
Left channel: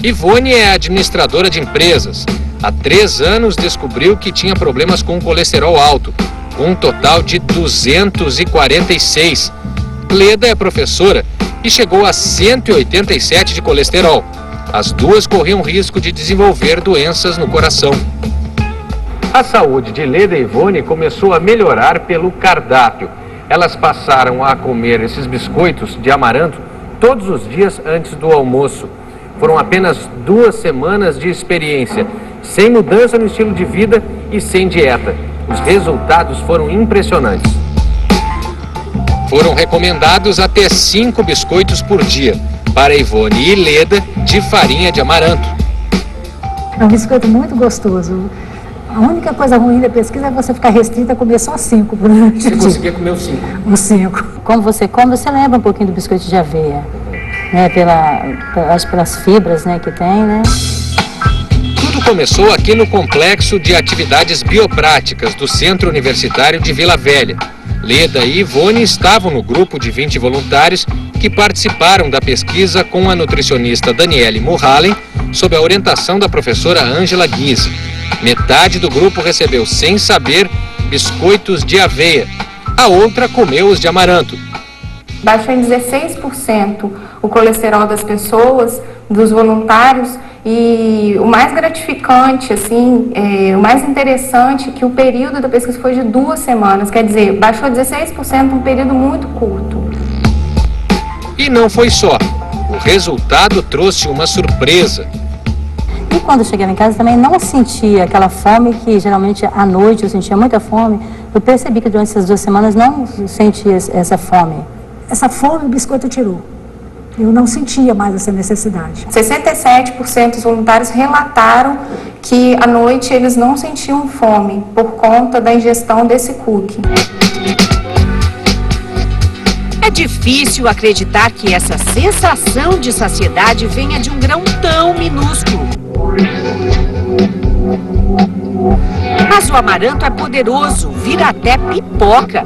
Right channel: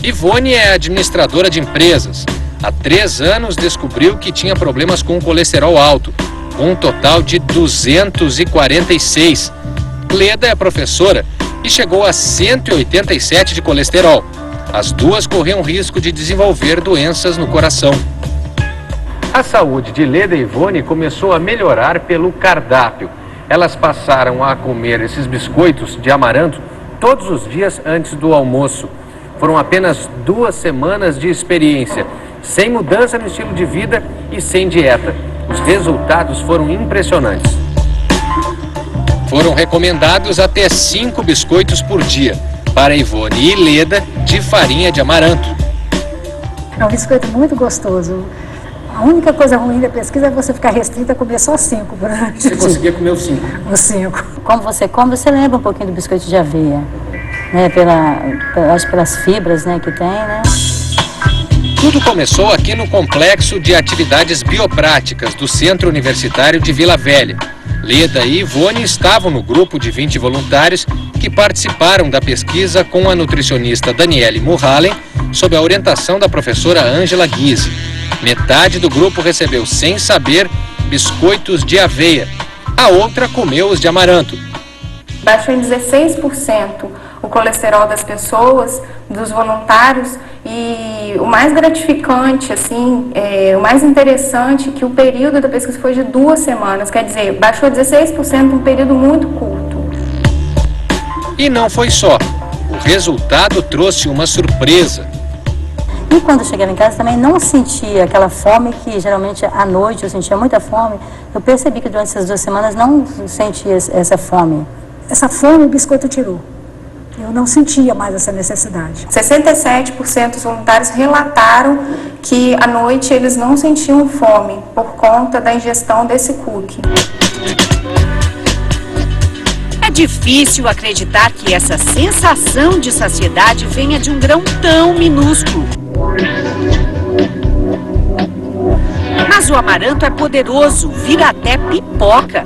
Ivone é administradora de empresas. Há 3 anos descobriu que tinha problemas com colesterol alto, com um total de 246. Leda é professora e chegou a 187 de colesterol. As duas corriam risco de desenvolver doenças no coração. A saúde de Leda e Ivone começou a melhorar pelo cardápio. Elas passaram a comer esses biscoitos de amaranto todos os dias antes do almoço. Foram apenas 2 semanas de experiência, sem mudança no estilo de vida e sem dieta. Os resultados foram impressionantes. Foram recomendados até 5 biscoitos por dia, para Ivone e Leda, de farinha de amaranto. É um biscoito muito gostoso. A única coisa ruim da pesquisa é você ficar restrita a comer só 5 por ano. Você conseguia comer os 5? Os 5. Como você come, você lembra um pouquinho do biscoito de aveia, né? Acho pelas fibras, né, que tem, né? Tudo começou aqui no Complexo de Atividades Biopráticas do Centro Universitário de Vila Velha. Leda e Ivone estavam no grupo de 20 voluntários que participaram da pesquisa com a nutricionista Daniele Murhalen, sob a orientação da professora Ângela Guise. Metade do grupo recebeu, sem saber, biscoitos de aveia. A outra comeu os de amaranto. Baixou em 16% o colesterol das pessoas, dos voluntários, e o mais gratificante, assim, o mais interessante, que o período da pesquisa foi de 2 semanas, quer dizer, baixou 16% num período muito curto. E não foi só. O resultado trouxe uma surpresa. E quando eu cheguei lá em casa também não sentia aquela fome que geralmente à noite eu sentia muita fome. Eu percebi que durante essas 2 semanas não sentia essa fome. Essa fome o biscoito tirou. Eu não sentia mais essa necessidade. 67% dos voluntários relataram que à noite eles não sentiam fome por conta da ingestão desse cookie. É difícil acreditar que essa sensação de saciedade venha de um grão tão minúsculo. Mas o amaranto é poderoso, vira até pipoca.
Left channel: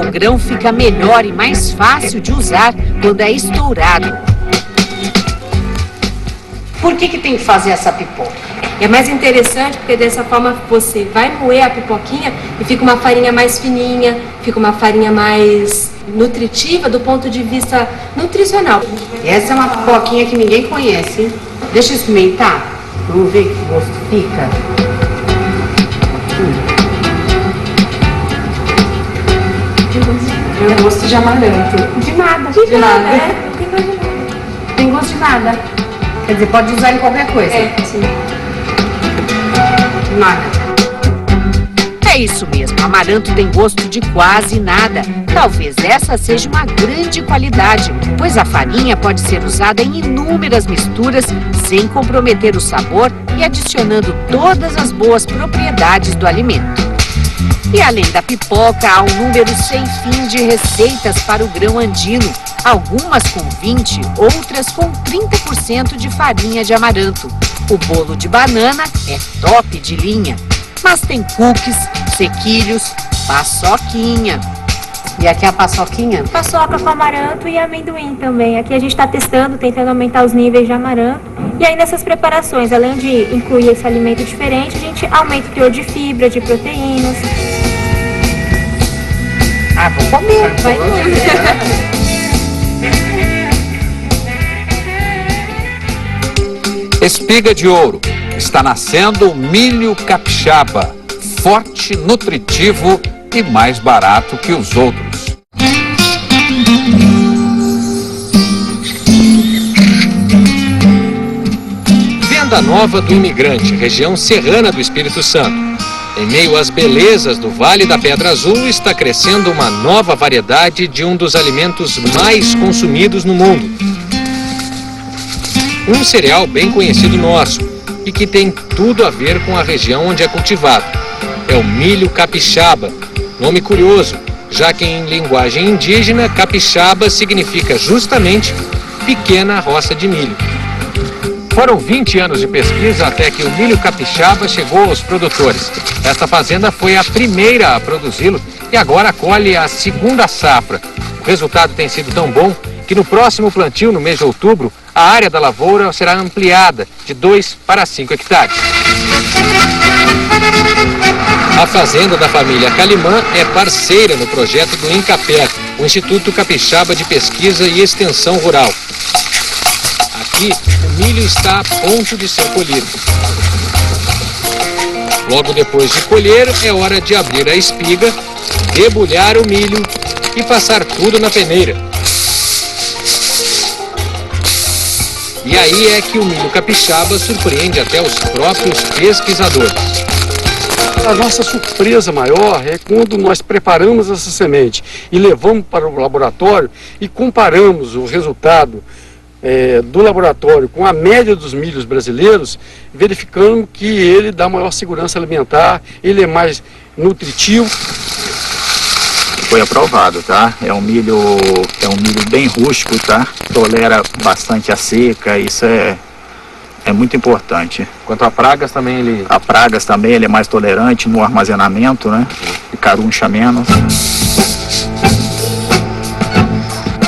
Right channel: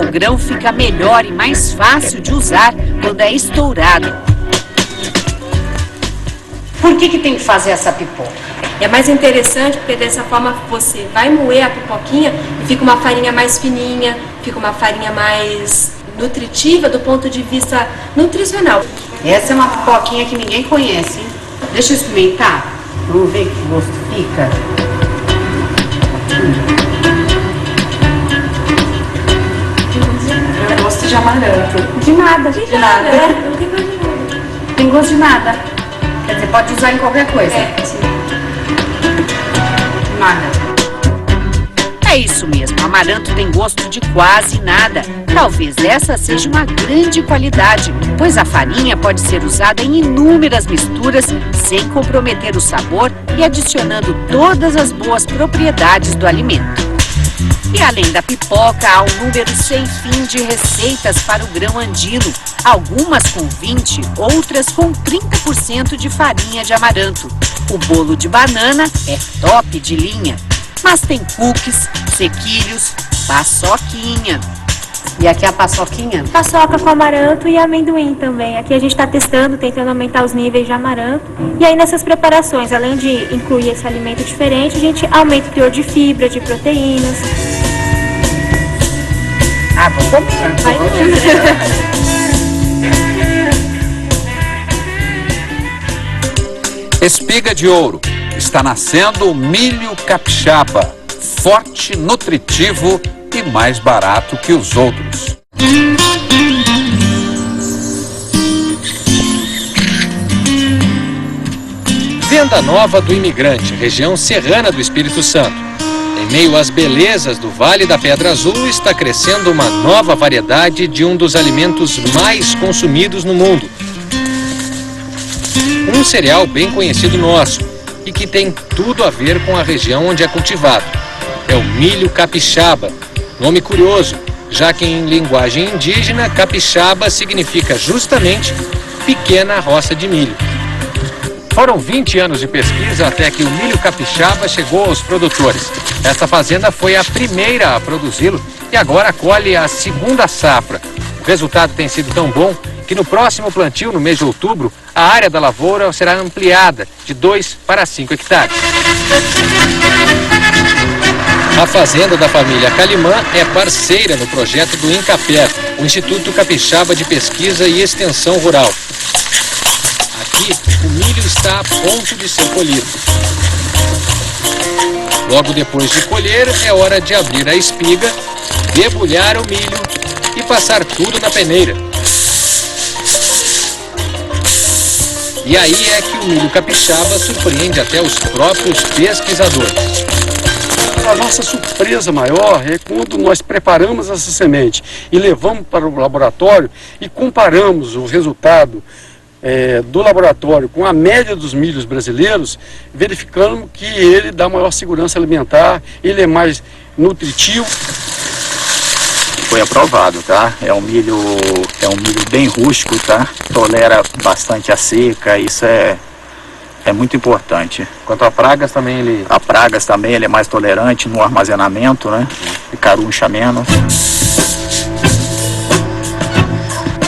O grão fica melhor e mais fácil de usar quando é estourado. Por que tem que fazer essa pipoca? É mais interessante porque dessa forma você vai moer a pipoquinha e fica uma farinha mais fininha, fica uma farinha mais nutritiva do ponto de vista nutricional. Essa é uma pipoquinha que ninguém conhece, hein? Deixa eu experimentar. Vamos ver que gosto fica. Tem gosto de amaranto. De nada. De nada. Não tem gosto de nada. Tem gosto de nada. Quer dizer, pode usar em qualquer coisa. Sim. Nada. É isso mesmo, amaranto tem gosto de quase nada. Talvez essa seja uma grande qualidade, pois a farinha pode ser usada em inúmeras misturas sem comprometer o sabor e adicionando todas as boas propriedades do alimento. E além da pipoca, há um número sem fim de receitas para o grão andino. Algumas com 20%, outras com 30% de farinha de amaranto. O bolo de banana é top de linha. Mas tem cookies, sequilhos, paçoquinha. E aqui é a paçoquinha? Paçoca com amaranto e amendoim também. Aqui a gente está testando, tentando aumentar os níveis de amaranto. E aí nessas preparações, além de incluir esse alimento diferente, a gente aumenta o teor de fibra, de proteínas. Ah, vou comer. Vai comer. Espiga de ouro. Está nascendo o milho capixaba. Forte, nutritivo e mais barato que os outros. Venda Nova do Imigrante, região serrana do Espírito Santo. Em meio às belezas do Vale da Pedra Azul, está crescendo uma nova variedade de um dos alimentos mais consumidos no mundo. Um cereal bem conhecido nosso e que tem tudo a ver com a região onde é cultivado. É o milho capixaba. Nome curioso, já que em linguagem indígena, capixaba significa justamente pequena roça de milho. Foram 20 anos de pesquisa até que o milho capixaba chegou aos produtores. Esta fazenda foi a primeira a produzi-lo e agora colhe a segunda safra. O resultado tem sido tão bom que no próximo plantio, no mês de outubro, a área da lavoura será ampliada de 2 para 5 hectares. A fazenda da família Calimã é parceira no projeto do INCAPER, o Instituto Capixaba de Pesquisa e Extensão Rural. Aqui, o milho está a ponto de ser colhido. Logo depois de colher, é hora de abrir a espiga, debulhar o milho e passar tudo na peneira. E aí é que o milho capixaba surpreende até os próprios pesquisadores. A nossa surpresa maior é quando nós preparamos essa semente e levamos para o laboratório e comparamos o resultado do laboratório com a média dos milhos brasileiros, verificando que ele dá maior segurança alimentar, ele é mais nutritivo. Foi aprovado, tá? É um milho bem rústico, tá? Tolera bastante a seca, isso é muito importante. Quanto a pragas também ele... A pragas também ele é mais tolerante no armazenamento, né? E caruncha menos.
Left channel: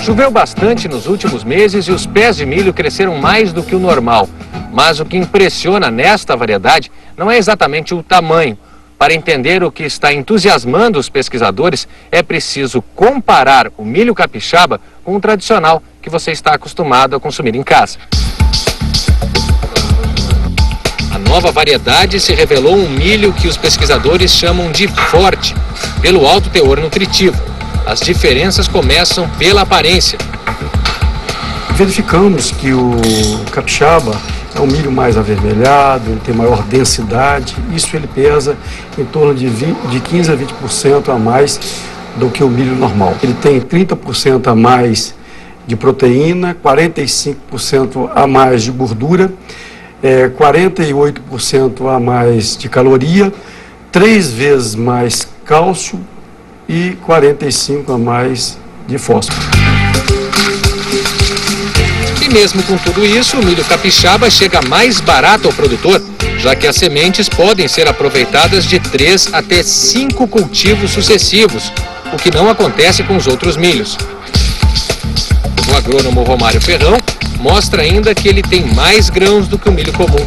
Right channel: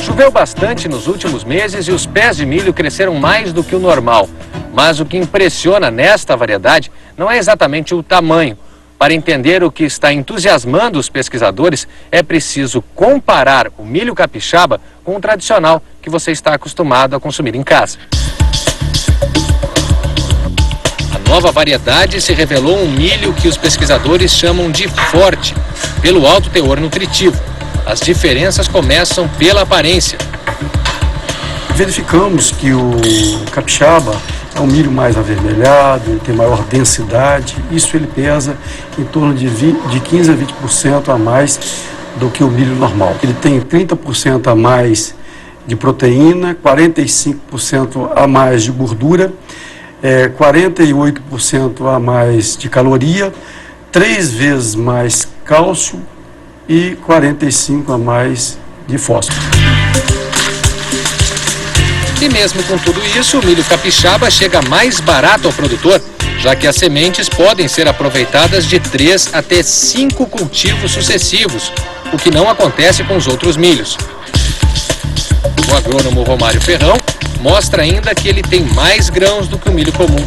Choveu bastante nos últimos meses e os pés de milho cresceram mais do que o normal. Mas o que impressiona nesta variedade não é exatamente o tamanho. Para entender o que está entusiasmando os pesquisadores, é preciso comparar o milho capixaba com o tradicional que você está acostumado a consumir em casa. A nova variedade se revelou um milho que os pesquisadores chamam de forte, pelo alto teor nutritivo. As diferenças começam pela aparência. Verificamos que o capixaba é um milho mais avermelhado, ele tem maior densidade, isso ele pesa em torno de 15 a 20% a mais do que o milho normal. Ele tem 30% a mais de proteína, 45% a mais de gordura, 48% a mais de caloria, 3 vezes mais cálcio e 45% a mais de fósforo. E mesmo com tudo isso, o milho capixaba chega mais barato ao produtor, já que as sementes podem ser aproveitadas de 3 até 5 cultivos sucessivos, o que não acontece com os outros milhos. O agrônomo Romário Ferrão mostra ainda que ele tem mais grãos do que o milho comum.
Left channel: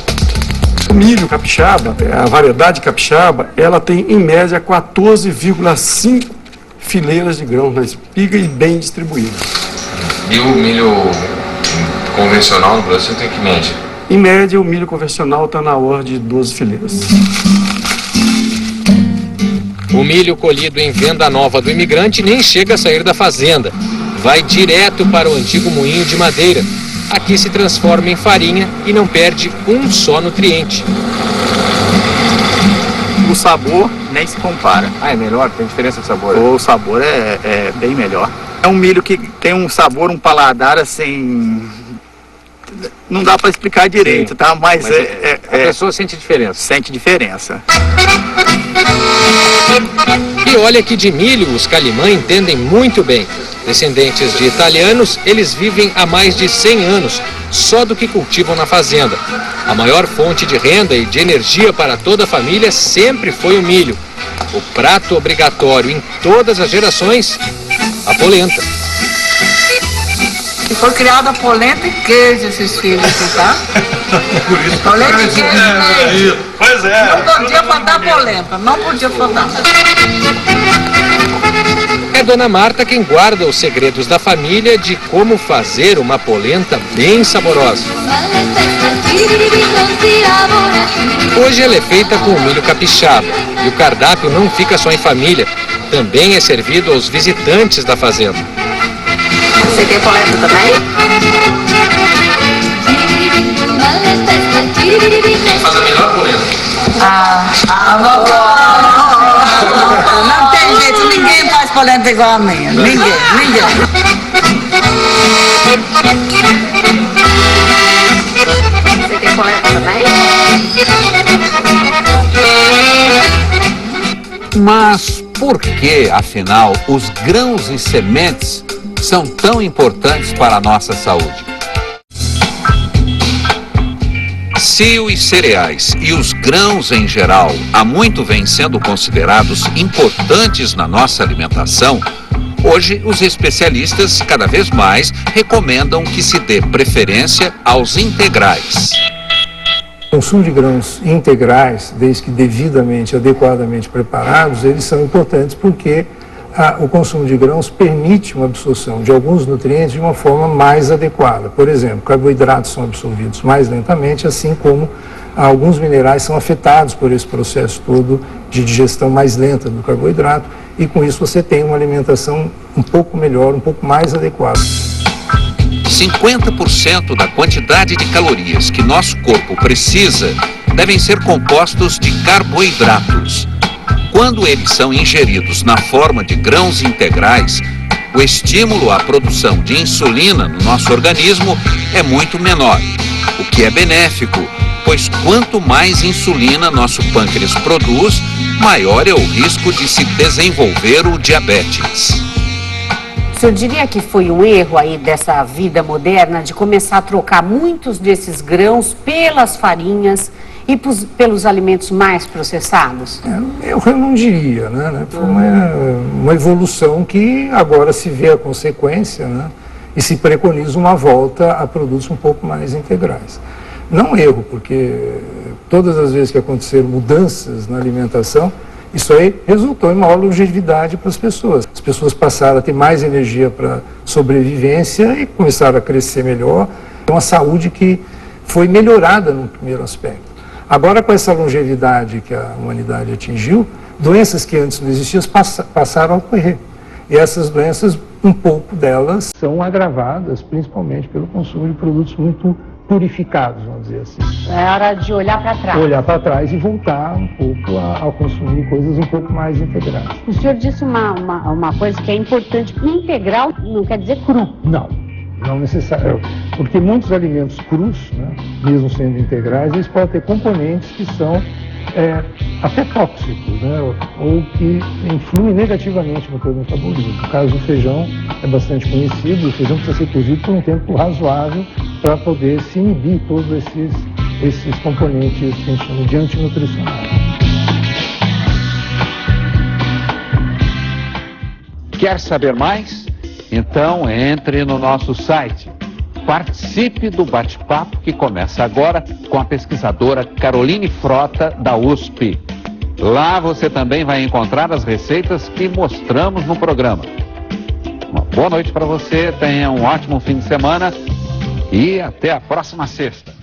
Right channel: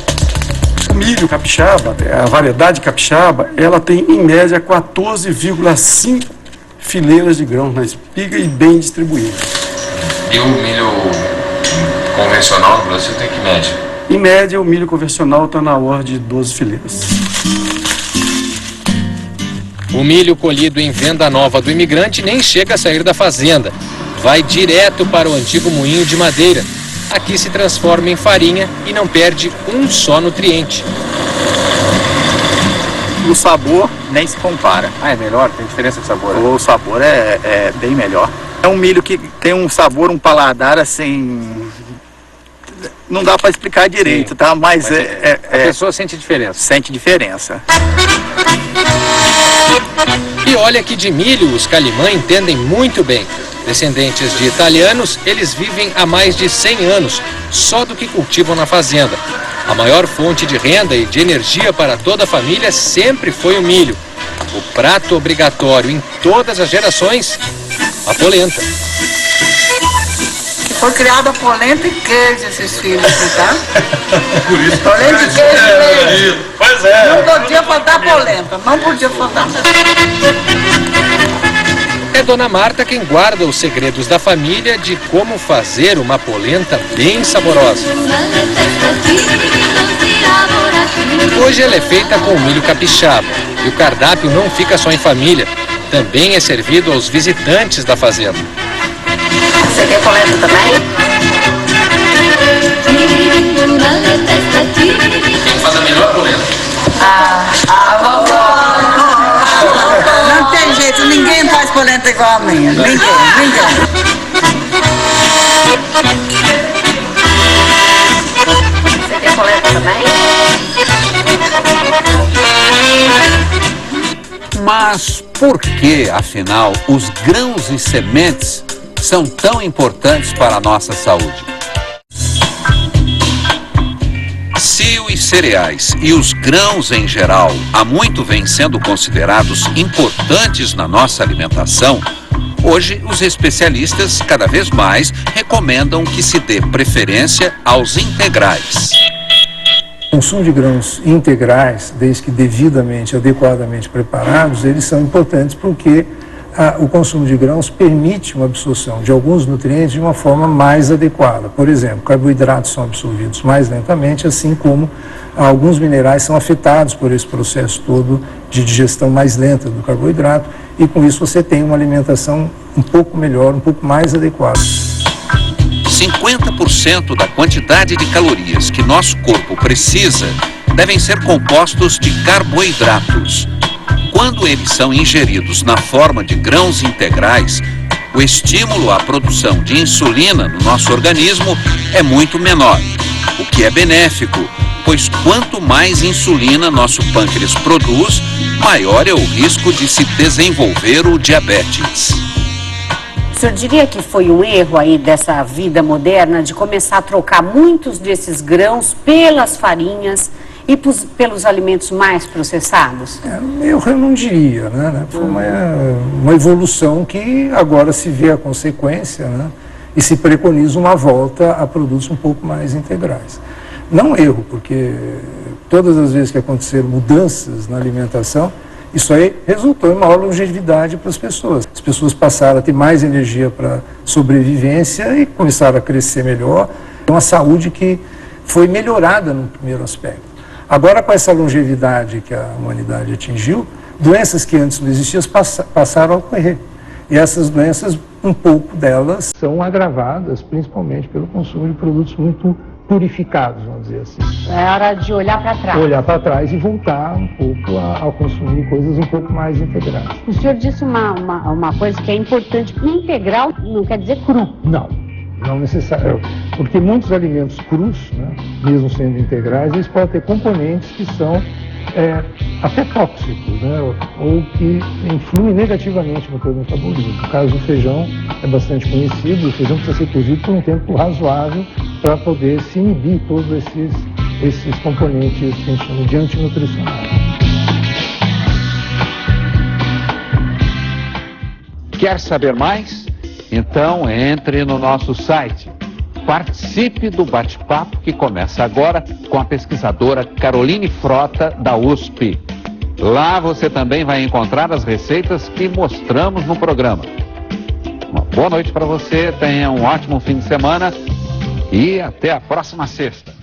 O milho capixaba, a variedade capixaba, ela tem em média 14,5 fileiras de grãos na espiga e bem distribuídas. E o milho convencional no Brasil tem que média? Em média, o milho convencional está na ordem de 12 fileiras. O milho colhido em Venda Nova do Imigrante nem chega a sair da fazenda. Vai direto para o antigo moinho de madeira. Aqui se transforma em farinha e não perde um só nutriente. O sabor nem se compara. Ah, é melhor? Tem diferença de sabor? O sabor é bem melhor. É um milho que tem um sabor, um paladar assim... Não dá para explicar direito, sim, tá? Mas a pessoa sente diferença. Sente diferença. E olha que de milho os Calimã entendem muito bem. Descendentes de italianos, eles vivem há mais de 100 anos, só do que cultivam na fazenda. A maior fonte de renda e de energia para toda a família sempre foi o milho. O prato obrigatório em todas as gerações, a polenta. E foi criada polenta e queijo esses filhos aqui, tá? Polenta e queijo. Pois é. Não podia faltar polenta, não podia faltar. É Dona Marta quem guarda os segredos da família de como fazer uma polenta bem saborosa. Hoje ela é feita com o milho capixaba e o cardápio não fica só em família, também é servido aos visitantes da fazenda. Você quer polenta também? Quem faz a melhor polenta? A vovó. Não tem jeito, ninguém faz polenta igual a minha. Ninguém. Você quer polenta também? Mas por que, afinal, os grãos e sementes são tão importantes para a nossa saúde? Se os cereais e os grãos em geral há muito vêm sendo considerados importantes na nossa alimentação, hoje os especialistas cada vez mais recomendam que se dê preferência aos integrais. O consumo de grãos integrais, desde que devidamente, adequadamente preparados, eles são importantes porque o consumo de grãos permite uma absorção de alguns nutrientes de uma forma mais adequada. Por exemplo, carboidratos são absorvidos mais lentamente, assim como alguns minerais são afetados por esse processo todo de digestão mais lenta do carboidrato, e com isso você tem uma alimentação um pouco melhor, um pouco mais adequada. 50% da quantidade de calorias que nosso corpo precisa devem ser compostos de carboidratos. Quando eles são ingeridos na forma de grãos integrais, o estímulo à produção de insulina no nosso organismo é muito menor, o que é benéfico, pois quanto mais insulina nosso pâncreas produz, maior é o risco de se desenvolver o diabetes. O senhor diria que foi um erro aí dessa vida moderna de começar a trocar muitos desses grãos pelas farinhas e pelos alimentos mais processados? Eu não diria, né? Foi uma evolução que agora se vê a consequência, né? E se preconiza uma volta a produtos um pouco mais integrais. Não erro, porque todas as vezes que aconteceram mudanças na alimentação, isso aí resultou em maior longevidade para as pessoas. As pessoas passaram a ter mais energia para sobrevivência e começaram a crescer melhor. É uma saúde que foi melhorada no primeiro aspecto. Agora, com essa longevidade que a humanidade atingiu, doenças que antes não existiam passaram a ocorrer. E essas doenças, um pouco delas, são agravadas principalmente pelo consumo de produtos muito purificados, vamos dizer assim. É hora de olhar para trás. Olhar para trás e voltar um pouco a consumir coisas um pouco mais integrais. O senhor disse uma coisa que é importante. Integral não quer dizer cru. Não necessário, porque muitos alimentos crus, né, mesmo sendo integrais, eles podem ter componentes que são até tóxicos, né, ou que influem negativamente no teu metabolismo. No caso do feijão é bastante conhecido, o feijão precisa ser cozido por um tempo razoável para poder se inibir todos esses componentes que a gente chama de antinutricionais. Quer saber mais? Então entre no nosso site. Participe do bate-papo que começa agora com a pesquisadora Caroline Frota, da USP. Lá você também vai encontrar as receitas que mostramos no programa. Uma boa noite para você, tenha um ótimo fim de semana e até a próxima sexta.